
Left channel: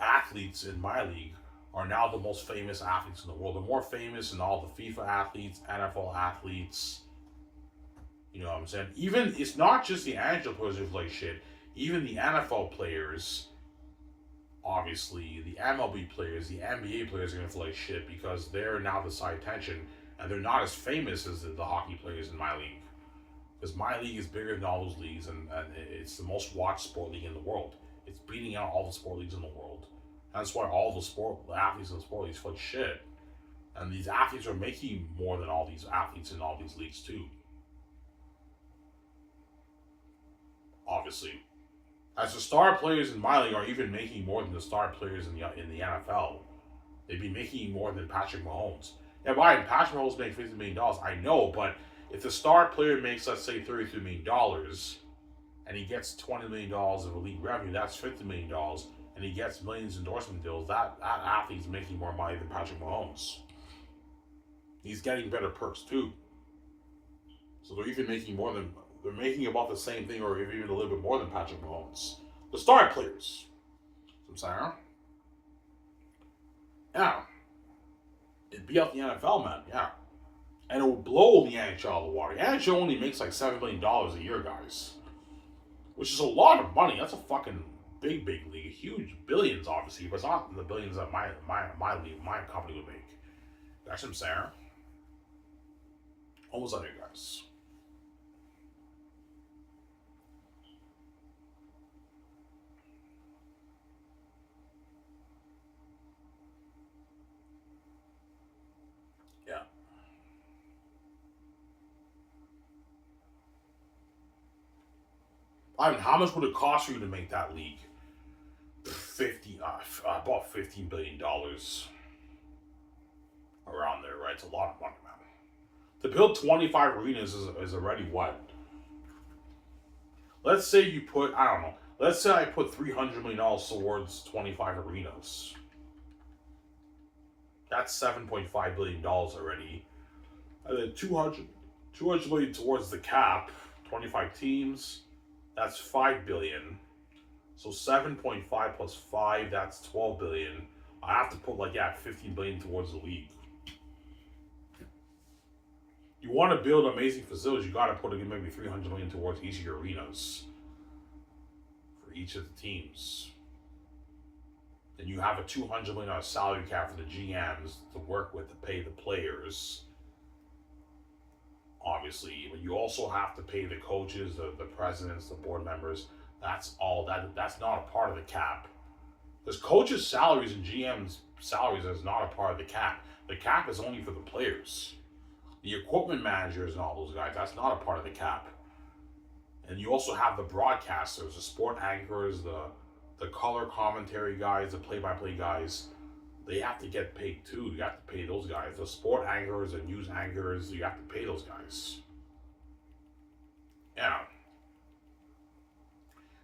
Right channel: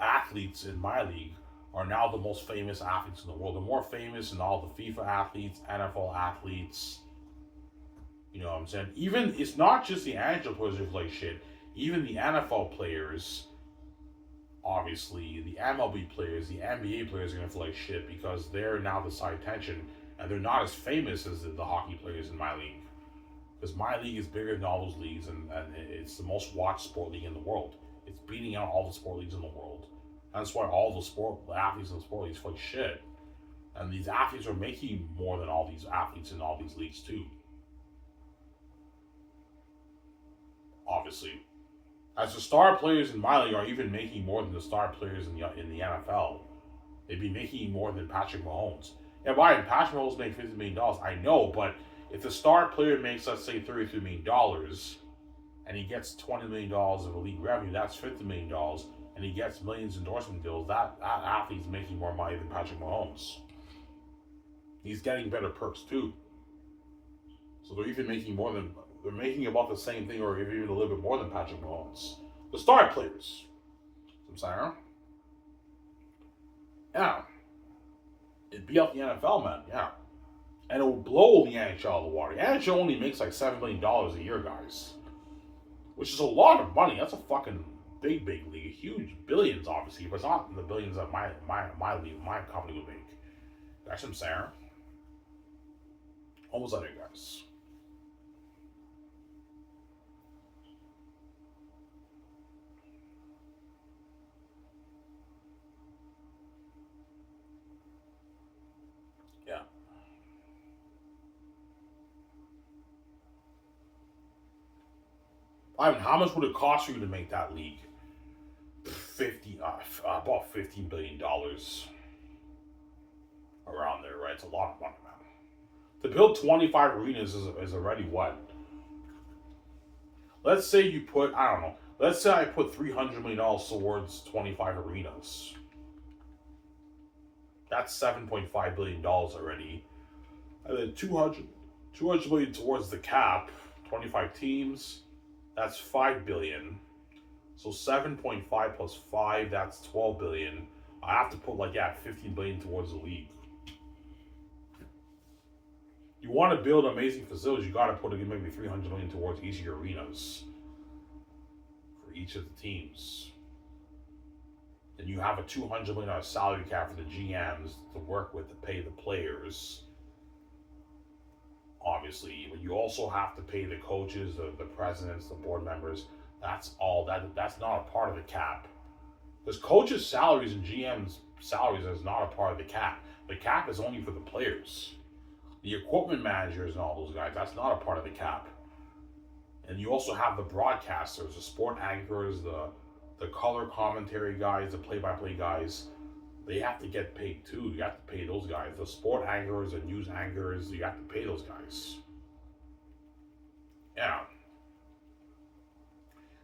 athletes in my league are now the most famous athletes in the world. They're more famous than all the FIFA athletes, NFL athletes. You know what I'm saying? Even it's not just the NHL players who play shit. Even the NFL players, obviously, the MLB players, the NBA players are gonna play shit because they're now the side attention, and they're not as famous as the hockey players in my league. Because my league is bigger than all those leagues, and it's the most watched sport league in the world. It's beating out all the sport leagues in the world. That's why all the athletes in the sport leagues play shit. And these athletes are making more than all these athletes in all these leagues too. Obviously. As the star players in my league are even making more than the star players in the NFL. They'd be making more than Patrick Mahomes. Yeah, Ryan, Patrick Mahomes makes $50 million. I know, but if the star player makes, let's say, $33 million, and he gets $20 million of a league revenue, that's $50 million, and he gets millions endorsement deals, that athlete's making more money than Patrick Mahomes. He's getting better perks too. So they're even making they're making about the same thing or even a little bit more than Patrick Mahomes. The star players. I'm saying? Yeah. It'd be up the NFL, man, yeah. And it will blow the NHL out of the water. The NHL only makes like $7 million a year, guys. Which is a lot of money. That's a fucking big league. Huge billions, obviously, but it's not the billions that my league, my company would make. That's what I'm saying. Almost there, guys. Yeah. I mean, how much would it cost you to make that league? About $15 billion around there, right? It's a lot of money, man. To build 25 arenas is already what? Let's say you put, I don't know, let's say I put $300 million towards 25 arenas. That's $7.5 billion already. And then 200 million towards the cap, 25 teams, that's $5 billion. So 7.5 plus 5, that's 12 billion. I have to put 15 billion towards the league. You want to build amazing facilities, you got to put maybe 300 million towards each of your arenas for each of the teams. Then you have a $200 million salary cap for the GMs to work with to pay the players. Obviously, but you also have to pay the coaches, the presidents, the board members. That's all. That's not a part of the cap. Because coaches' salaries and GMs' salaries is not a part of the cap. The cap is only for the players. The equipment managers and all those guys, that's not a part of the cap. And you also have the broadcasters, the sport anchors, the color commentary guys, the play-by-play guys. They have to get paid too. You have to pay those guys. The sport anchors and news anchors, you have to pay those guys. Yeah.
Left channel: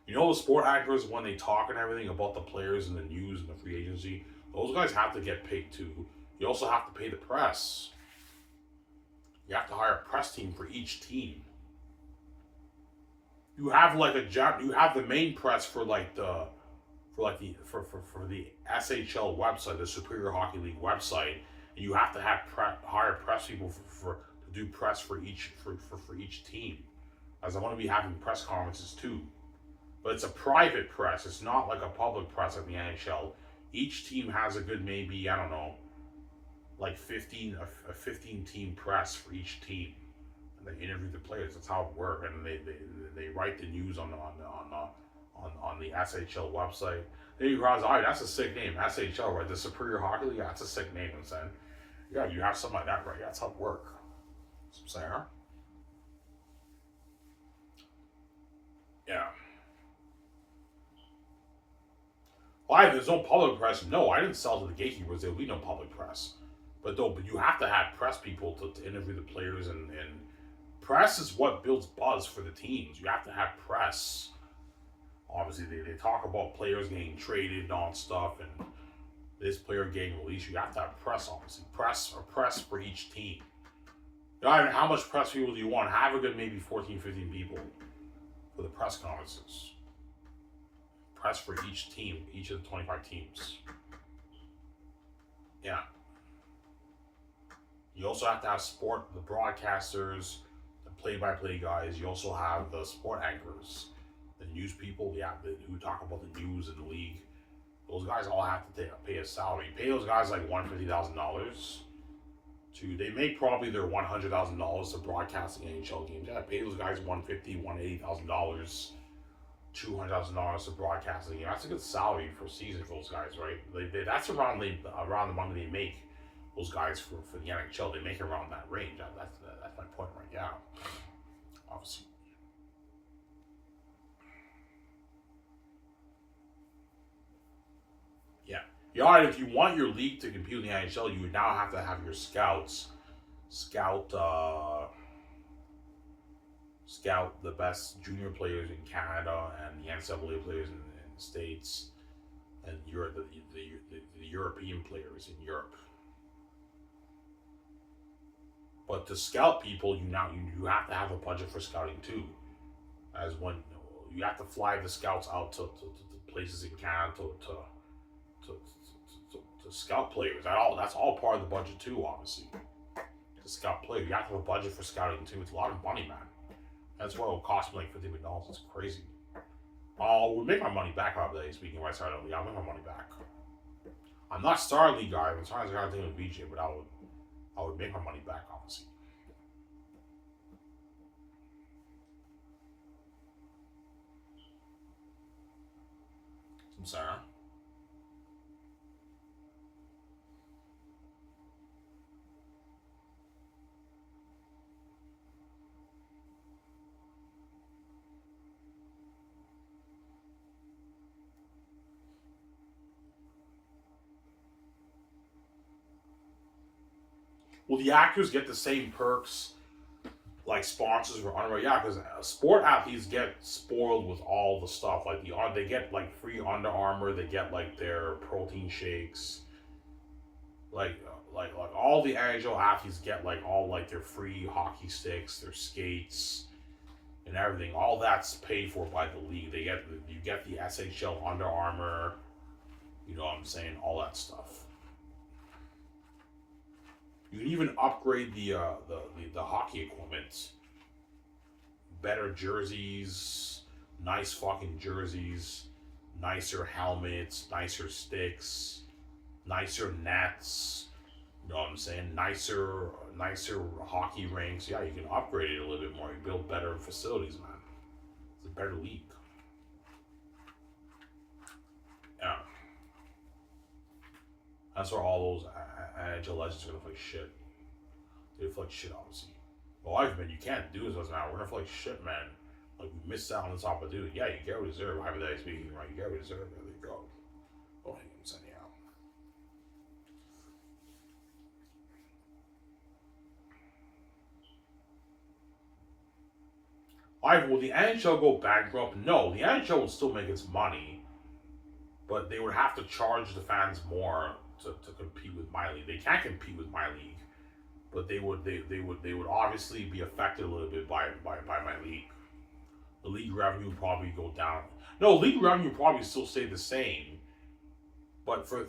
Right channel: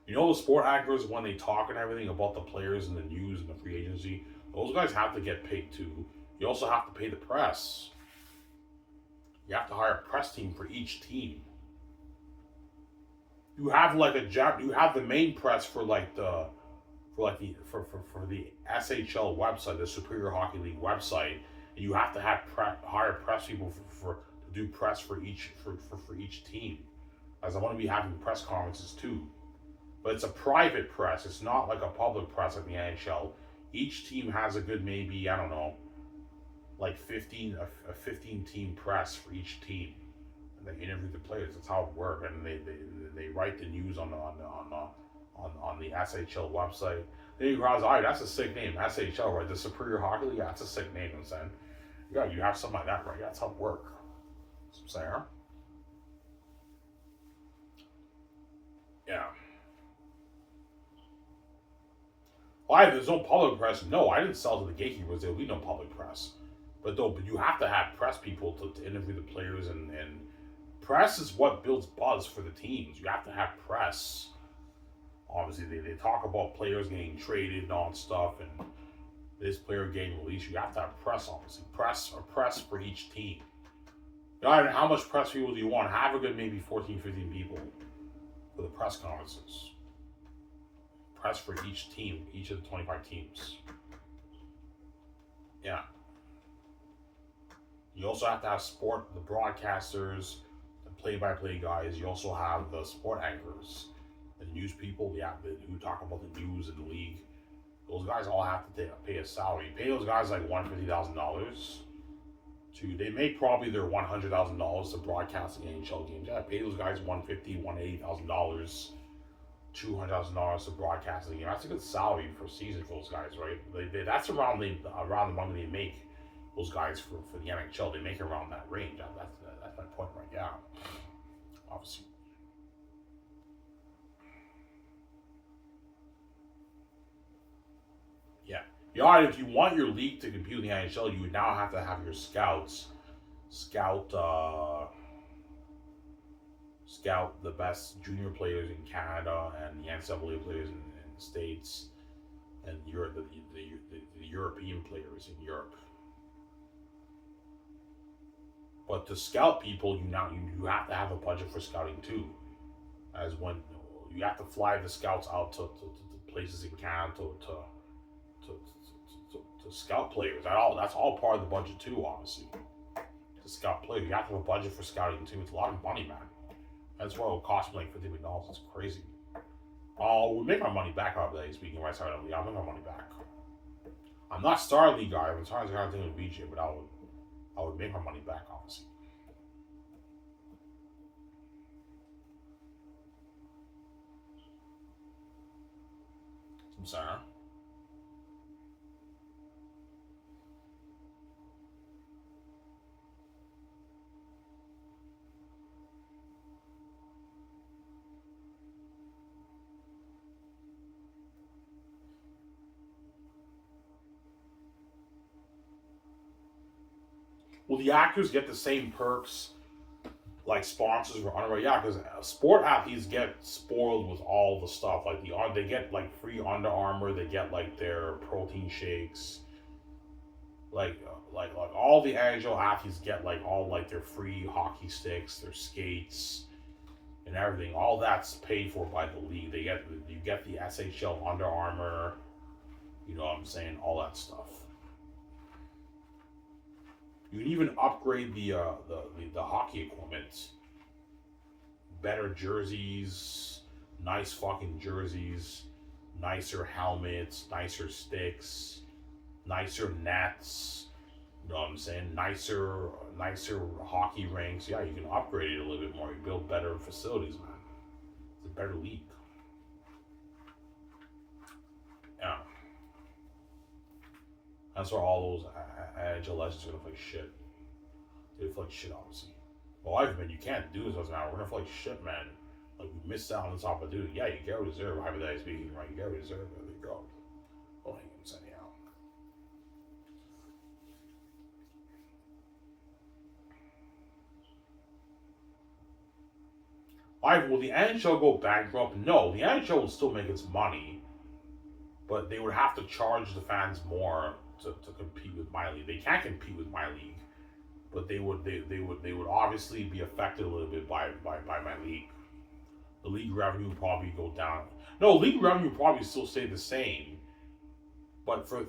You know the sport anchors, when they talk and everything about the players and the news and the free agency, those guys have to get paid too. You also have to pay the press. You have to hire a press team for each team. You have you have the main press for the SHL website, the Superior Hockey League website, and you have to have hire press people to do press for each team, as I'm going to be having press conferences too. But it's a private press. It's not like a public press like the NHL. Each team has a good maybe, I don't know, like 15 team press for each team. And they interview the players. That's how it works. And they write the news on the SHL website. Then you realize, all right, that's a sick name. SHL, right? The Superior Hockey League. Yeah, that's a sick name. I'm saying, yeah, you have something like that, right? Yeah, that's how it works. That's what I'm saying, huh? Yeah. Why? There's no public press. No, I didn't sell to the gatekeepers. There'll be no public press. But you have to have press people to interview the players, and press is what builds buzz for the teams. You have to have press. Obviously, they talk about players getting traded and all that stuff, and this player getting released. You have to have press, obviously. Press for each team. You know, how much press people do you want? Have a good maybe 14, 15 people for the press conferences. Press for each team, each of the 25 teams. Yeah. You also have to have the broadcasters, the play-by-play guys. You also have the sport anchors, the news people, who talk about the news in the league. Those guys all have to pay a salary. You pay those guys like $150,000. They make probably their $100,000 to broadcasting NHL games. Yeah, I pay those guys $150,000, $180,000, $200,000 to broadcasting game. That's a good salary for a season for those guys, right? That's around the money they make. Those guys for the NHL, they make around that range. That's my point right now. Obviously. Yeah. If you want your league to compete in the NHL, you would now have to have your scouts scout the best junior players in Canada and the NCAA players in the States, and the European players in Europe. But to scout people, you have to have a budget for scouting too. As when you have to fly the scouts out to places in Canada to scout players. That's all part of the budget too, obviously. To scout players, you have to have a budget for scouting too. It's a lot of money, man. That's what it will cost me like $50 million. It's crazy. We'll make my money back out of that. Speaking right side of the league, I'll make my money back. I'm not Star League guy. I'm trying to thing with VJ, but I would make my money back, obviously. I'm sorry. Huh? Will the actors get the same perks like sponsors or honorary? Yeah, because sport athletes get spoiled with all the stuff. Like they get like free Under Armour. They get like their protein shakes. Like all the NHL athletes get like all like their free hockey sticks, their skates, and everything. All that's paid for by the league. You get the SHL Under Armour. You know what I'm saying? All that stuff. You can even upgrade the hockey equipment. Better jerseys, nice fucking jerseys, nicer helmets, nicer sticks, nicer nets. You know what I'm saying? Nicer hockey rinks. Yeah, you can upgrade it a little bit more. You build better facilities, man. It's a better league. Yeah. That's where all those NHL legends are gonna play shit. They play shit, obviously. Well, I've been, you can't do this now. We're gonna play shit, man. Like, we missed out on this opportunity. Yeah, you get reserve. Hypothetically speaking, right? You get reserve. There you go. Oh, hang on, send you out. Will the NHL go bankrupt? No, the NHL would still make its money, but they would have to charge the fans more to compete with my league. They can't compete with my league, but they would obviously be affected a little bit by my league. The league revenue would probably go down. No, league revenue would probably still stay the same, But for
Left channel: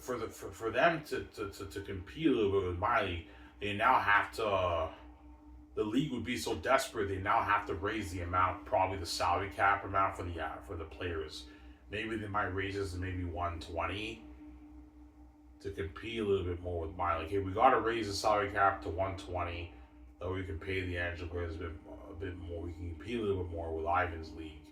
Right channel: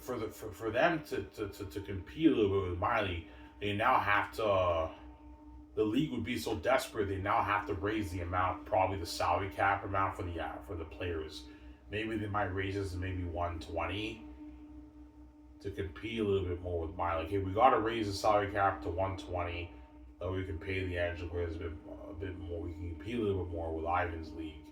them to compete a little bit with Miley, they now have to. The league would be so desperate they now have to raise the amount, probably the salary cap amount for the players. Maybe they might raise this to maybe 120 to compete a little bit more with Miley. Okay, we got to raise the salary cap to 120, so we can pay the NHL players a bit more. We can compete a little bit more with Ivan's league.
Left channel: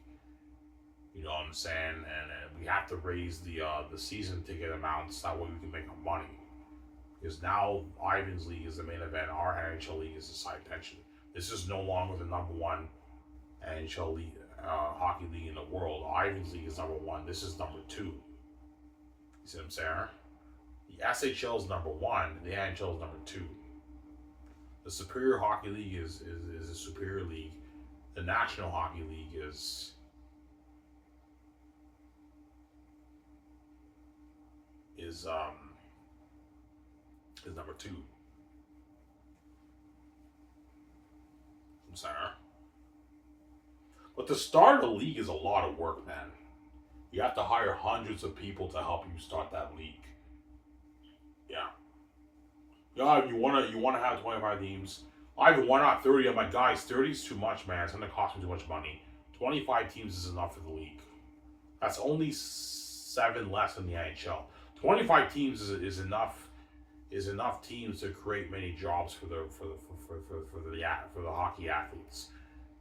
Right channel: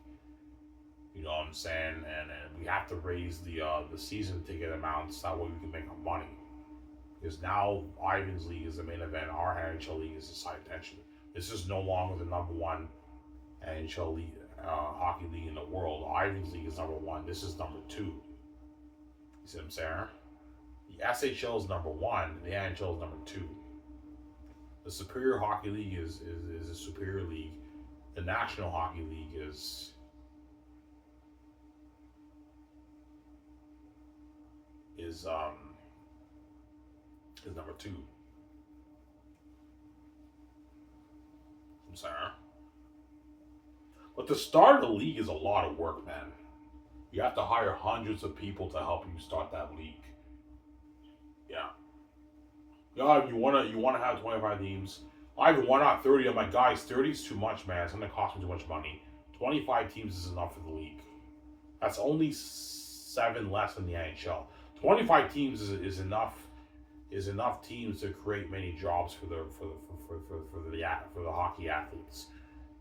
You know what I'm saying? And we have to raise the season ticket amounts. That way we can make our money. Because now Ivan's league is the main event. Our NHL league is the side tension. This is no longer the number one NHL league, hockey league in the world. Ivan's league is number one. This is number two. You see what I'm saying? The SHL is number one. The NHL is number two. The Superior Hockey League is a superior league. The National Hockey League is number two. I'm sorry. But to start a league is a lot of work, man. You have to hire hundreds of people to help you start that league. Yeah. Yeah, you wanna have 25 teams. I even why not 30? I'm like, guys, 30 is too much, man. It's gonna cost me too much money. 25 teams is enough for the league. That's only 7 less than the NHL. 25 teams is enough teams to create many jobs for the hockey athletes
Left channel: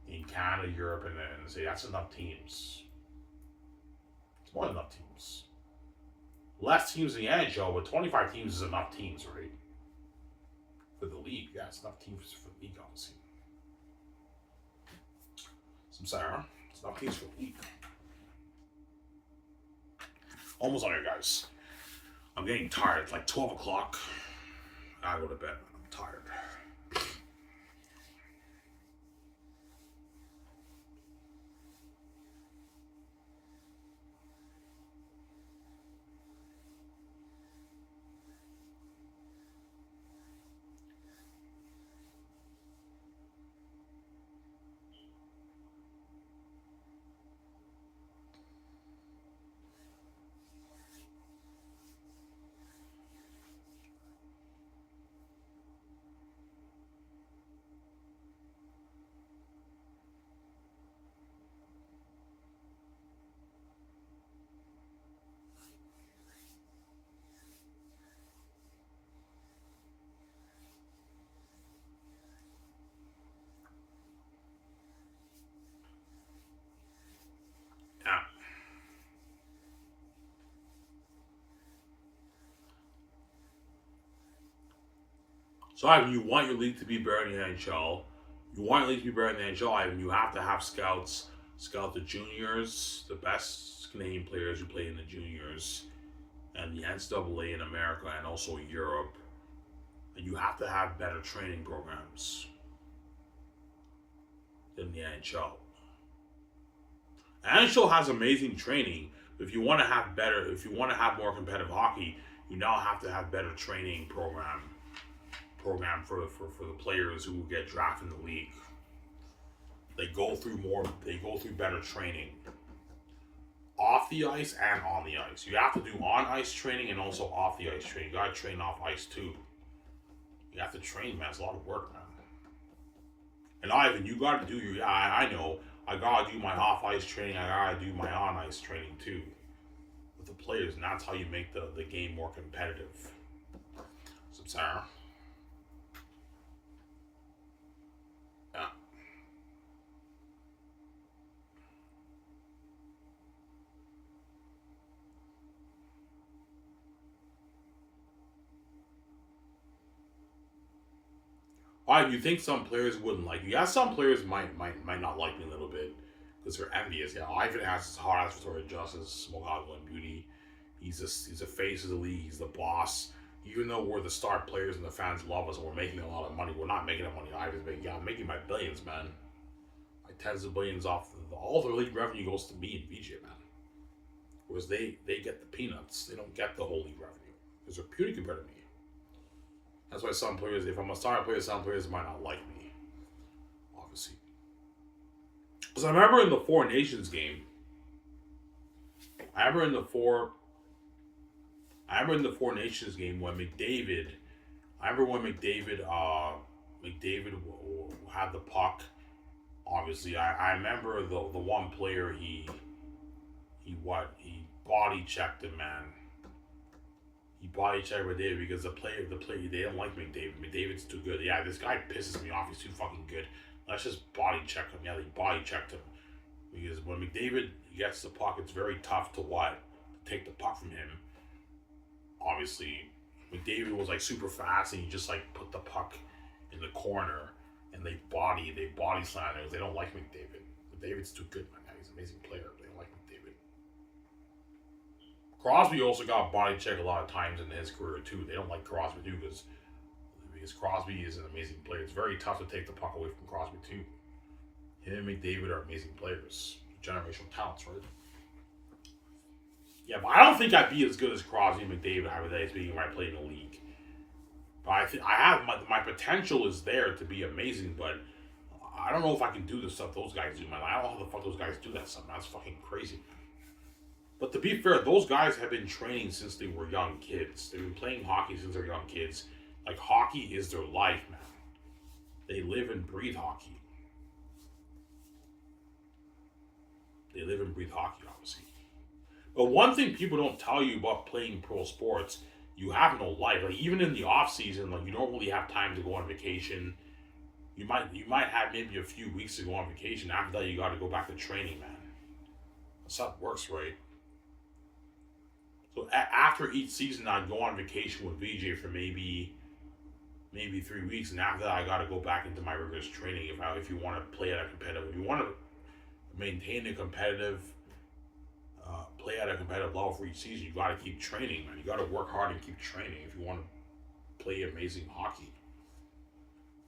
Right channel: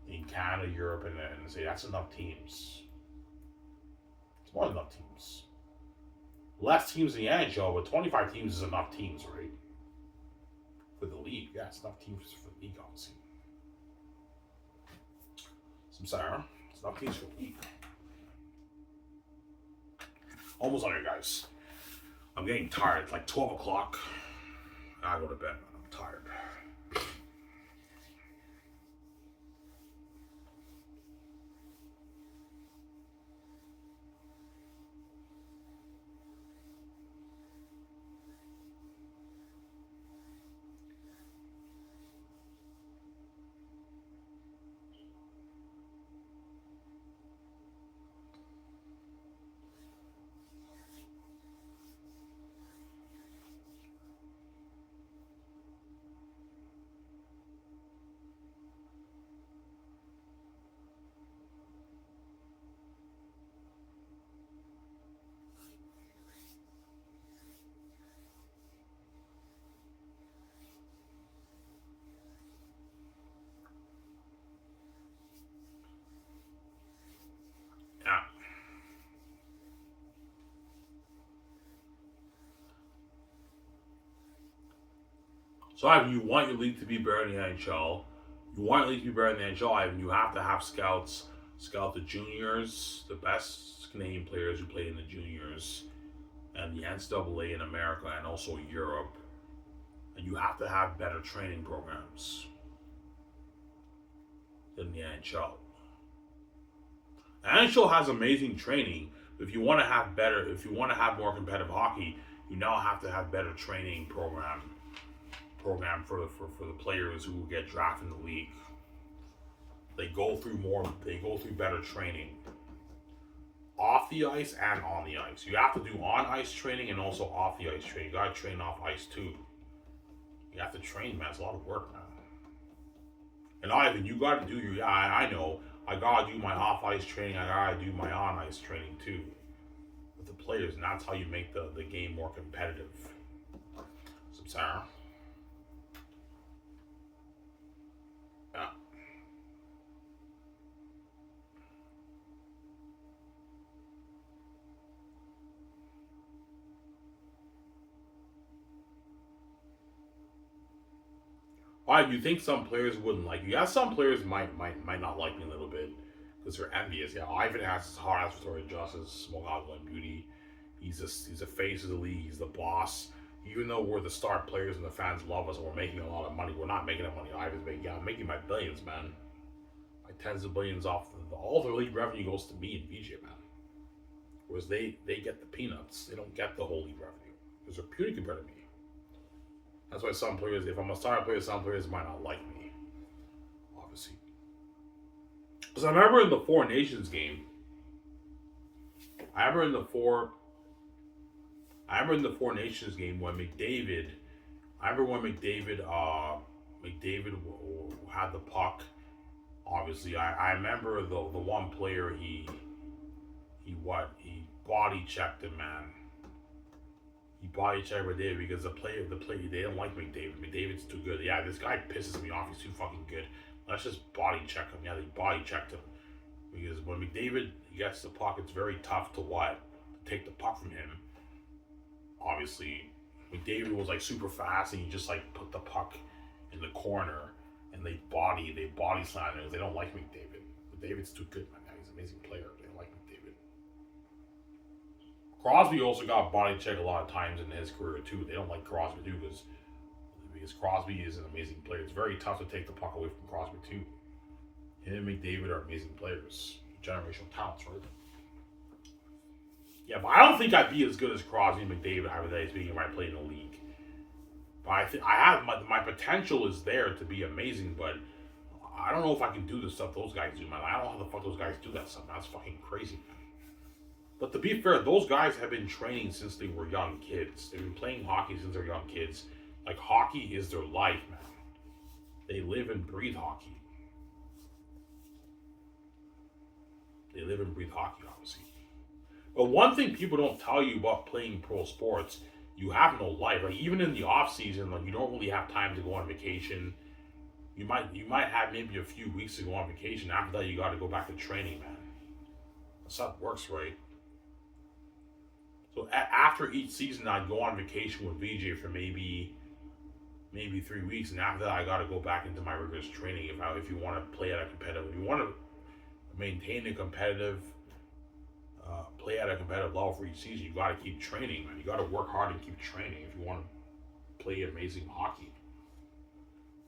in Canada, Europe, and say that's enough teams. It's more than enough teams. Less teams in the NHL, but 25 teams is enough teams, right? For the league, yeah, it's enough teams for the league, obviously. I'm sorry, it's enough teams for the league. Almost on here, guys. I'm getting tired. It's like 12 o'clock. I go to bed, man. I'm tired. Yeah. So, Ivan, you want your league to be better in the NHL. You want your league to be better in the NHL, Ivan. You have to have scouts scout the juniors, the best Canadian players who play in the juniors, and the NCAA in America and also Europe. And you have to have better training programs than the NHL. The NHL has amazing training. But if you want to have better, if you want to have more competitive hockey, you now have to have better training program for the players who will get drafted in the league. They go through better training. Off the ice and on the ice. You have to do on ice training and also off the ice training. You gotta train off ice too. You have to train, man. It's a lot of work, man. And Ivan, you gotta do your I know. I gotta do my off ice training, I gotta do my on ice training too. With the players, and that's how you make the game more competitive. So Sarah. Yeah. Why you think some players wouldn't like you? Yeah, some players might not like me a little bit because they're envious. Yeah, Ivan has his hard ass Victoria Justice, Smogaglo and Beauty. He's a face of the league. He's the boss. Even though we're the star players and the fans love us and we're making a lot of money, we're not making that money. Ivan's making. Yeah, I'm making my billions, man. My tens of billions off all the league revenue goes to me and VJ, man. Whereas they get the peanuts. They don't get the whole league revenue because they're puny compared to me. That's why some players, if I'm a star player, some players might not like me. Obviously. Because I remember in the Four Nations game, I remember in the Four Nations game when McDavid. I remember when McDavid had the puck. Obviously, I remember the one player he body checked him, man. He body checked McDavid because the player they don't like McDavid. McDavid's too good. Yeah, this guy pisses me off. He's too fucking good. Let's just body check him. Yeah, they body checked him because when McDavid gets the puck, it's very tough to what to take the puck from him. Obviously, McDavid was like super fast, and he just like put the puck in the corner, and they body slam him. They don't like McDavid. McDavid's too good, man. He's an amazing player. They don't like McDavid. Crosby also got body checked a lot of times in his career too. They don't like Crosby too because Crosby is an amazing player. It's very tough to take the puck away from Crosby too. Him and McDavid are amazing players, generational talents, right? Yeah, but I don't think I'd be as good as Crosby and McDavid hypothetically speaking if I played in the league. But I think I have my potential is there to be amazing, but I don't know if I can do the stuff those guys do, man. I don't know how the fuck those guys do that stuff, man. That's fucking crazy, man. But to be fair, those guys have been training since they were young kids. They've been playing hockey since they're young kids. Like, hockey is their life, man. They live and breathe hockey. They live and breathe hockey, obviously. But one thing people don't tell you about playing pro sports, you have no life. Like, even in the off season, like, you don't really have time to go on vacation. You might have maybe a few weeks to go on vacation. After that, you got to go back to training, man. That's how it works, right? So after each season, I'd go on vacation with VJ for maybe 3 weeks, and after that, I got to go back into my rigorous training. If you want to play at a competitive, if you want to maintain a competitive, play at a competitive level for each season, you got to keep training, man. You got to work hard and keep training if you want to play amazing hockey.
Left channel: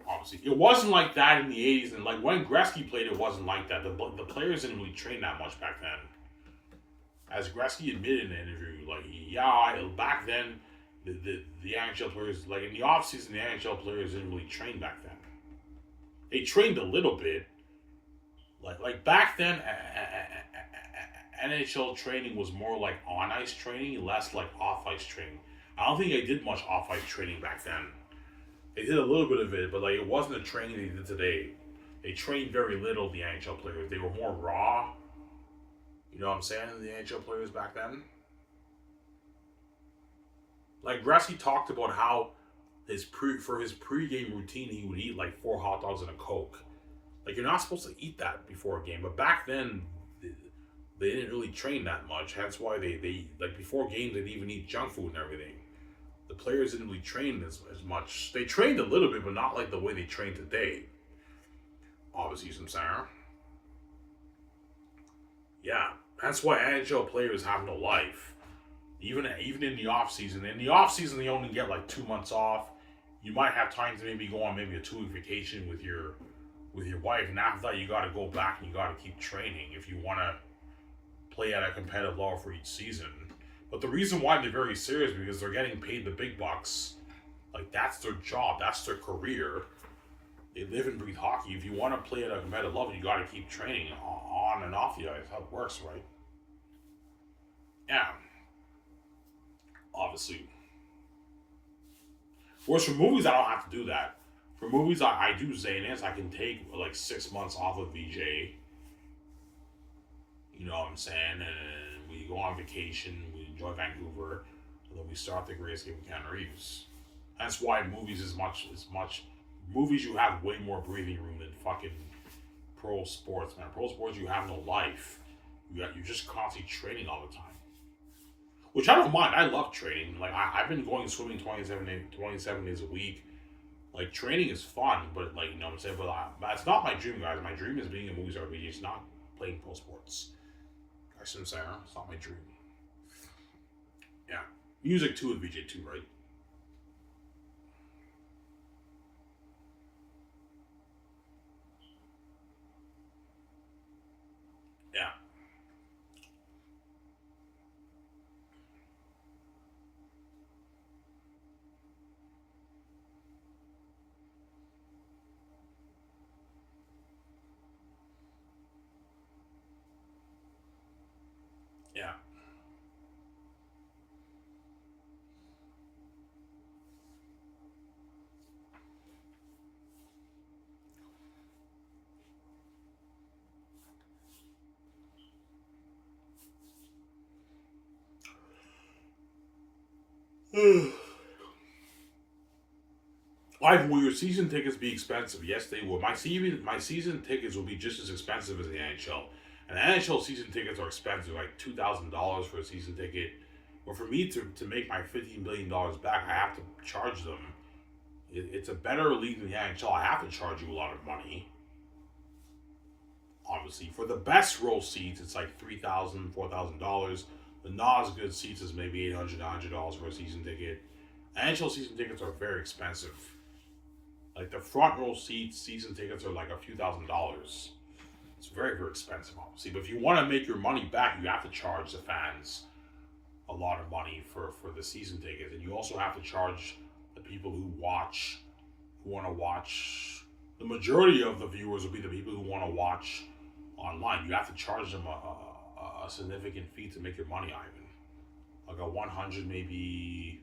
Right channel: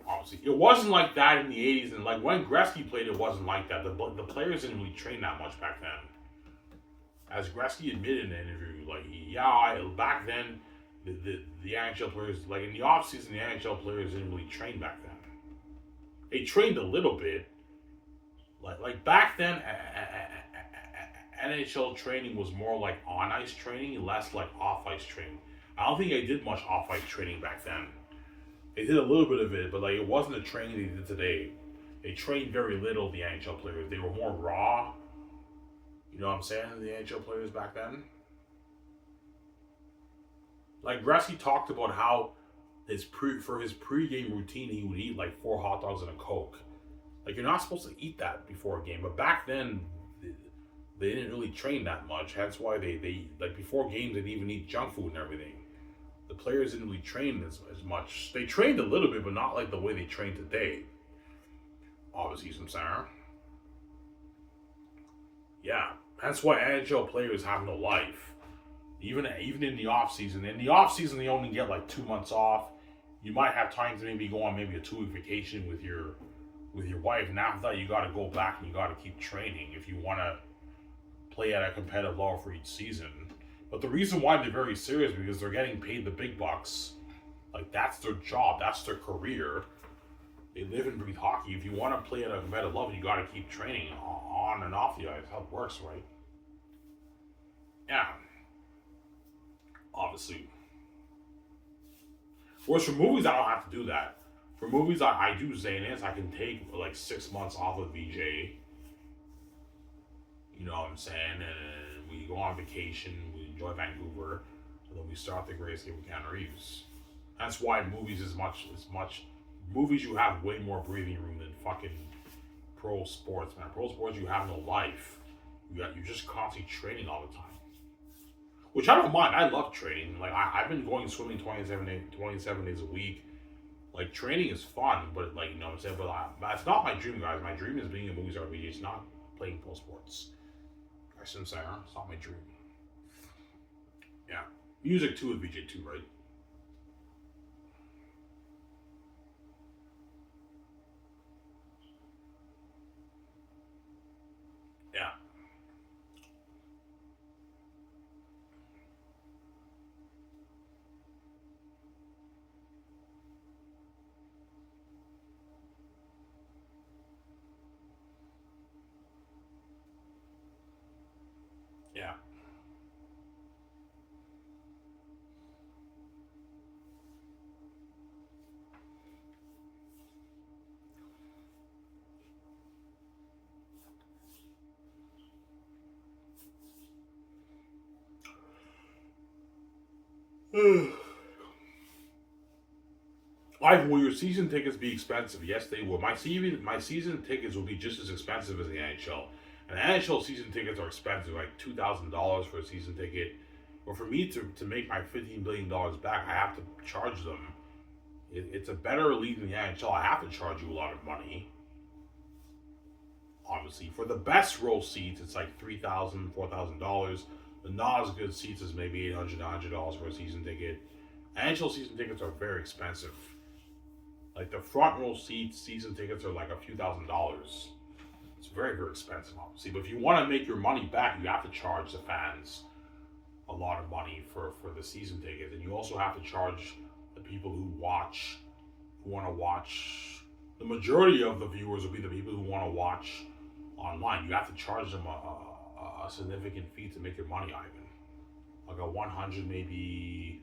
Obviously, it wasn't like that in the '80s, and like when Gretzky played, it wasn't like that. The players didn't really train that much back then. As Gretzky admitted in an interview, back then, the NHL players, like in the offseason, the NHL players didn't really train back then. They trained a little bit. Like back then, NHL training was more like on ice training, less like off ice training. I don't think they did much off ice training back then. They did a little bit of it, but like it wasn't the training they did today. They trained very little. The NHL players, they were more raw. You know what I'm saying? The NHL players back then. Like Gretzky talked about how for his pregame routine, he would eat like 4 hot dogs and a Coke. Like, you're not supposed to eat that before a game, but back then they didn't really train that much. Hence why they like before games they'd even eat junk food and everything. The players didn't really train as much. They trained a little bit, but not like the way they train today. Obviously, some saying. Yeah, that's why NHL players have no life. Even in the off season. In the off season, they only get like 2 months off. You might have time to maybe go on maybe a 2-week vacation with your wife, and after that, you got to go back and you got to keep training if you want to play at a competitive level for each season. But the reason why they're very serious because they're getting paid the big bucks. Like, that's their job, that's their career. They live and breathe hockey. If you want to play at a competitive level, you got to keep training on and off the ice. How it works, right? Yeah. Obviously. Whereas for movies, I don't have to do that. For movies, I do Xanax. I can take like 6 months off with VJ. You know what I'm saying? And we go on vacation, we enjoy Vancouver, and then we start the Great Escape with Keanu Reeves. That's why movies is much. Movies, you have way more breathing room than fucking pro sports, man. Pro sports, you have no life. You're just constantly training all the time. Which I don't mind. I love training. Like, I've been going swimming 27 days a week. Like, training is fun, but like, you know what I'm saying? But it's not my dream, guys. My dream is being a movie star. It's not playing pro sports. I shouldn't say, huh? It's not my dream. Yeah. Music too with VJ too, right? Yeah. Yeah. Will your season tickets be expensive? Yes, they will. My season tickets will be just as expensive as the NHL. And NHL season tickets are expensive, like $2,000 for a season ticket. But for me to make my $15 billion back, I have to charge them. It's a better league than the NHL. I have to charge you a lot of money. Obviously, for the best row seats, it's like $3,000, $4,000. The not as good seats is maybe $800 for a season ticket. NHL season tickets are very expensive. Like the front row seats, season tickets are like a few $1,000s. It's very, very expensive, obviously. But if you want to make your money back, you have to charge the fans a lot of money for the season tickets, and you also have to charge the people who want to watch. The majority of the viewers will be the people who want to watch online. You have to charge them a significant fee to make your money, Ivan. Like a $100, maybe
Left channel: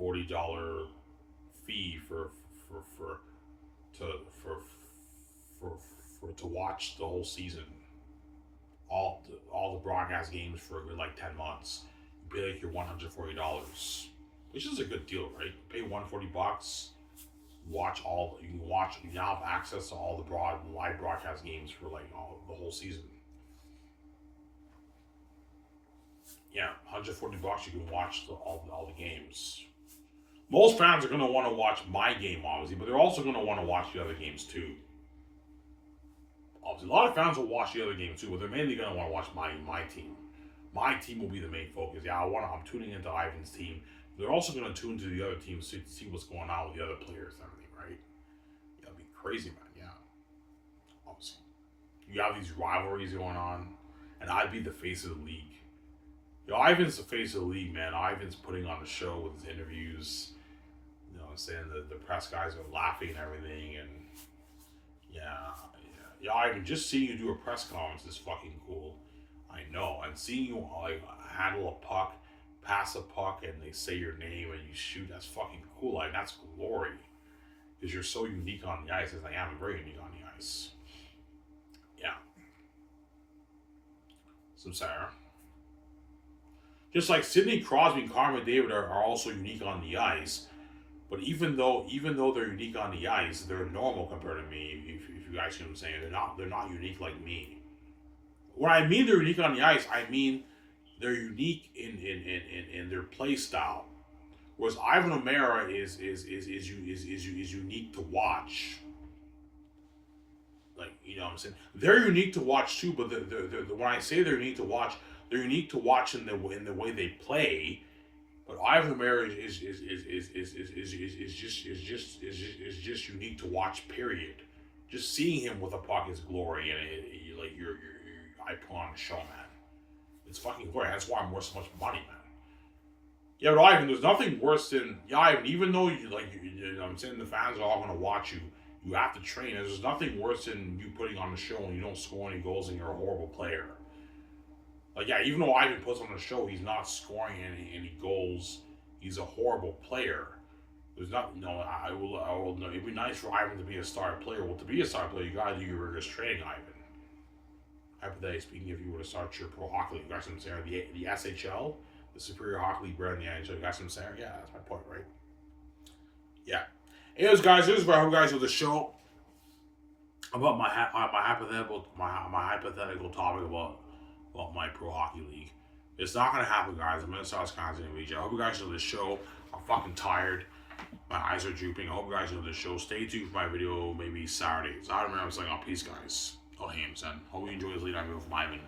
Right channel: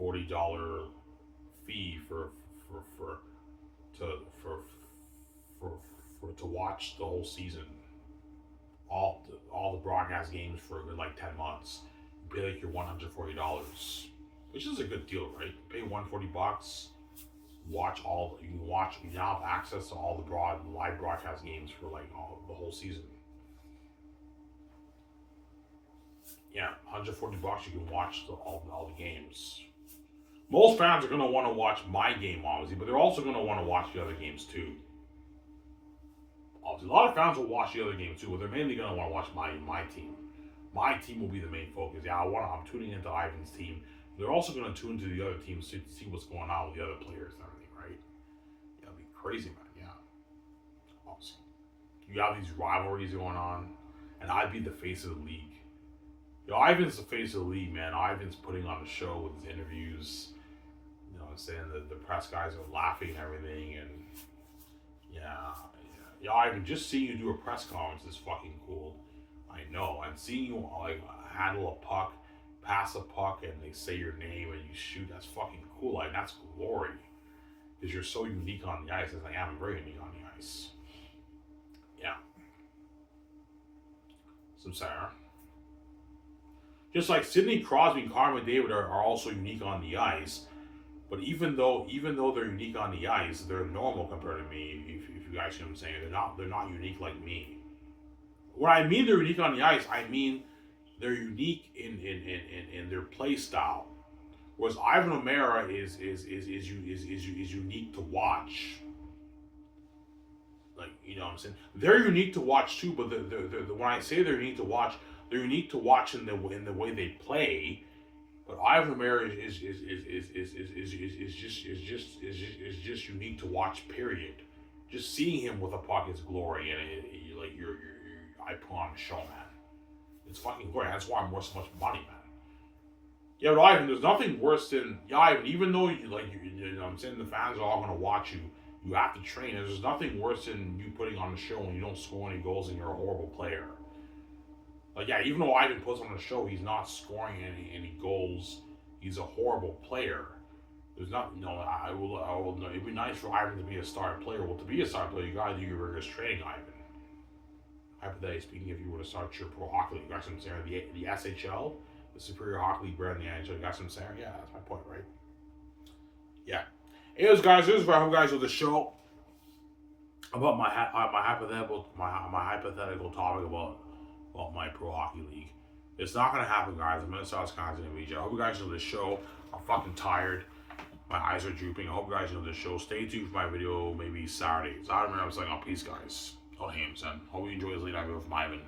$40 fee to watch the whole season, all the broadcast games for a good like 10 months. You pay like your $140, which is a good deal, right? You pay $140, you now have access to all the live broadcast games for like the whole season. Yeah, $140 you can watch all the games. Most fans are going to want to watch my game, obviously, but they're also going to want to watch the other games too. Obviously, a lot of fans will watch the other games too, but they're mainly going to want to watch my team. My team will be the main focus. Yeah, I'm tuning into Ivan's team. They're also going to tune to the other teams to see what's going on with the other players and everything, right? Yeah, it'll be crazy, man. Yeah, obviously, you have these rivalries going on, and I'd be the face of the league. Ivan's the face of the league, man. Ivan's putting on the show with his interviews. You know what I'm saying? The press guys are laughing and everything, and yeah, Ivan, just seeing you do a press conference is fucking cool. I know. And seeing you like handle a puck, pass a puck, and they say your name and you shoot, that's fucking cool. Like, that's glory. Because you're so unique on the ice, as I am very unique on the ice. Yeah. Some Sarah. Just like Sidney Crosby and Connor McDavid are also unique on the ice, but even though they're unique on the ice, they're normal compared to me. If you guys see what I'm saying, they're not unique like me. When I mean they're unique on the ice, I mean they're unique in their play style. Whereas Ivan O'Meara is unique to watch. Like, you know what I'm saying? They're unique to watch too, but when I say they're unique to watch, they're unique to watch in the way they play. But Ivan O'Meara is just unique to watch. Period. Just seeing him with a puck is glory, and I put on a show, man. It's fucking glory. That's why I'm worth so much money, man. Yeah, but Ivan, there's nothing worse than Ivan. Even though you know what I'm saying, the fans are all gonna watch you. You have to train. And there's nothing worse than you putting on the show and you don't score any goals and you're a horrible player. Like, yeah, even though Ivan puts on the show, he's not scoring any goals. He's a horrible player. There's not, I will. It'd be nice for Ivan to be a star player. Well, to be a star player, you gotta do your rigorous training, Ivan. Hypothetically speaking, if you were to start your pro hockey league, you got some saying the SHL, the Superior Hockey League brand, the NHL, you got some saying. Yeah, that's my point, right? Yeah. Anyways, guys, this is what I hope guys with the show about my hypothetical topic about my pro hockey league. It's not gonna happen, guys. I'm in South Wisconsin region. I hope you guys know this show. I'm fucking tired. My eyes are drooping. I hope you guys know this show. Stay tuned for my video maybe Saturday. So I don't remember. I'm saying, peace, guys. Oh, Hames, and hope you enjoy this lead video from Ivan.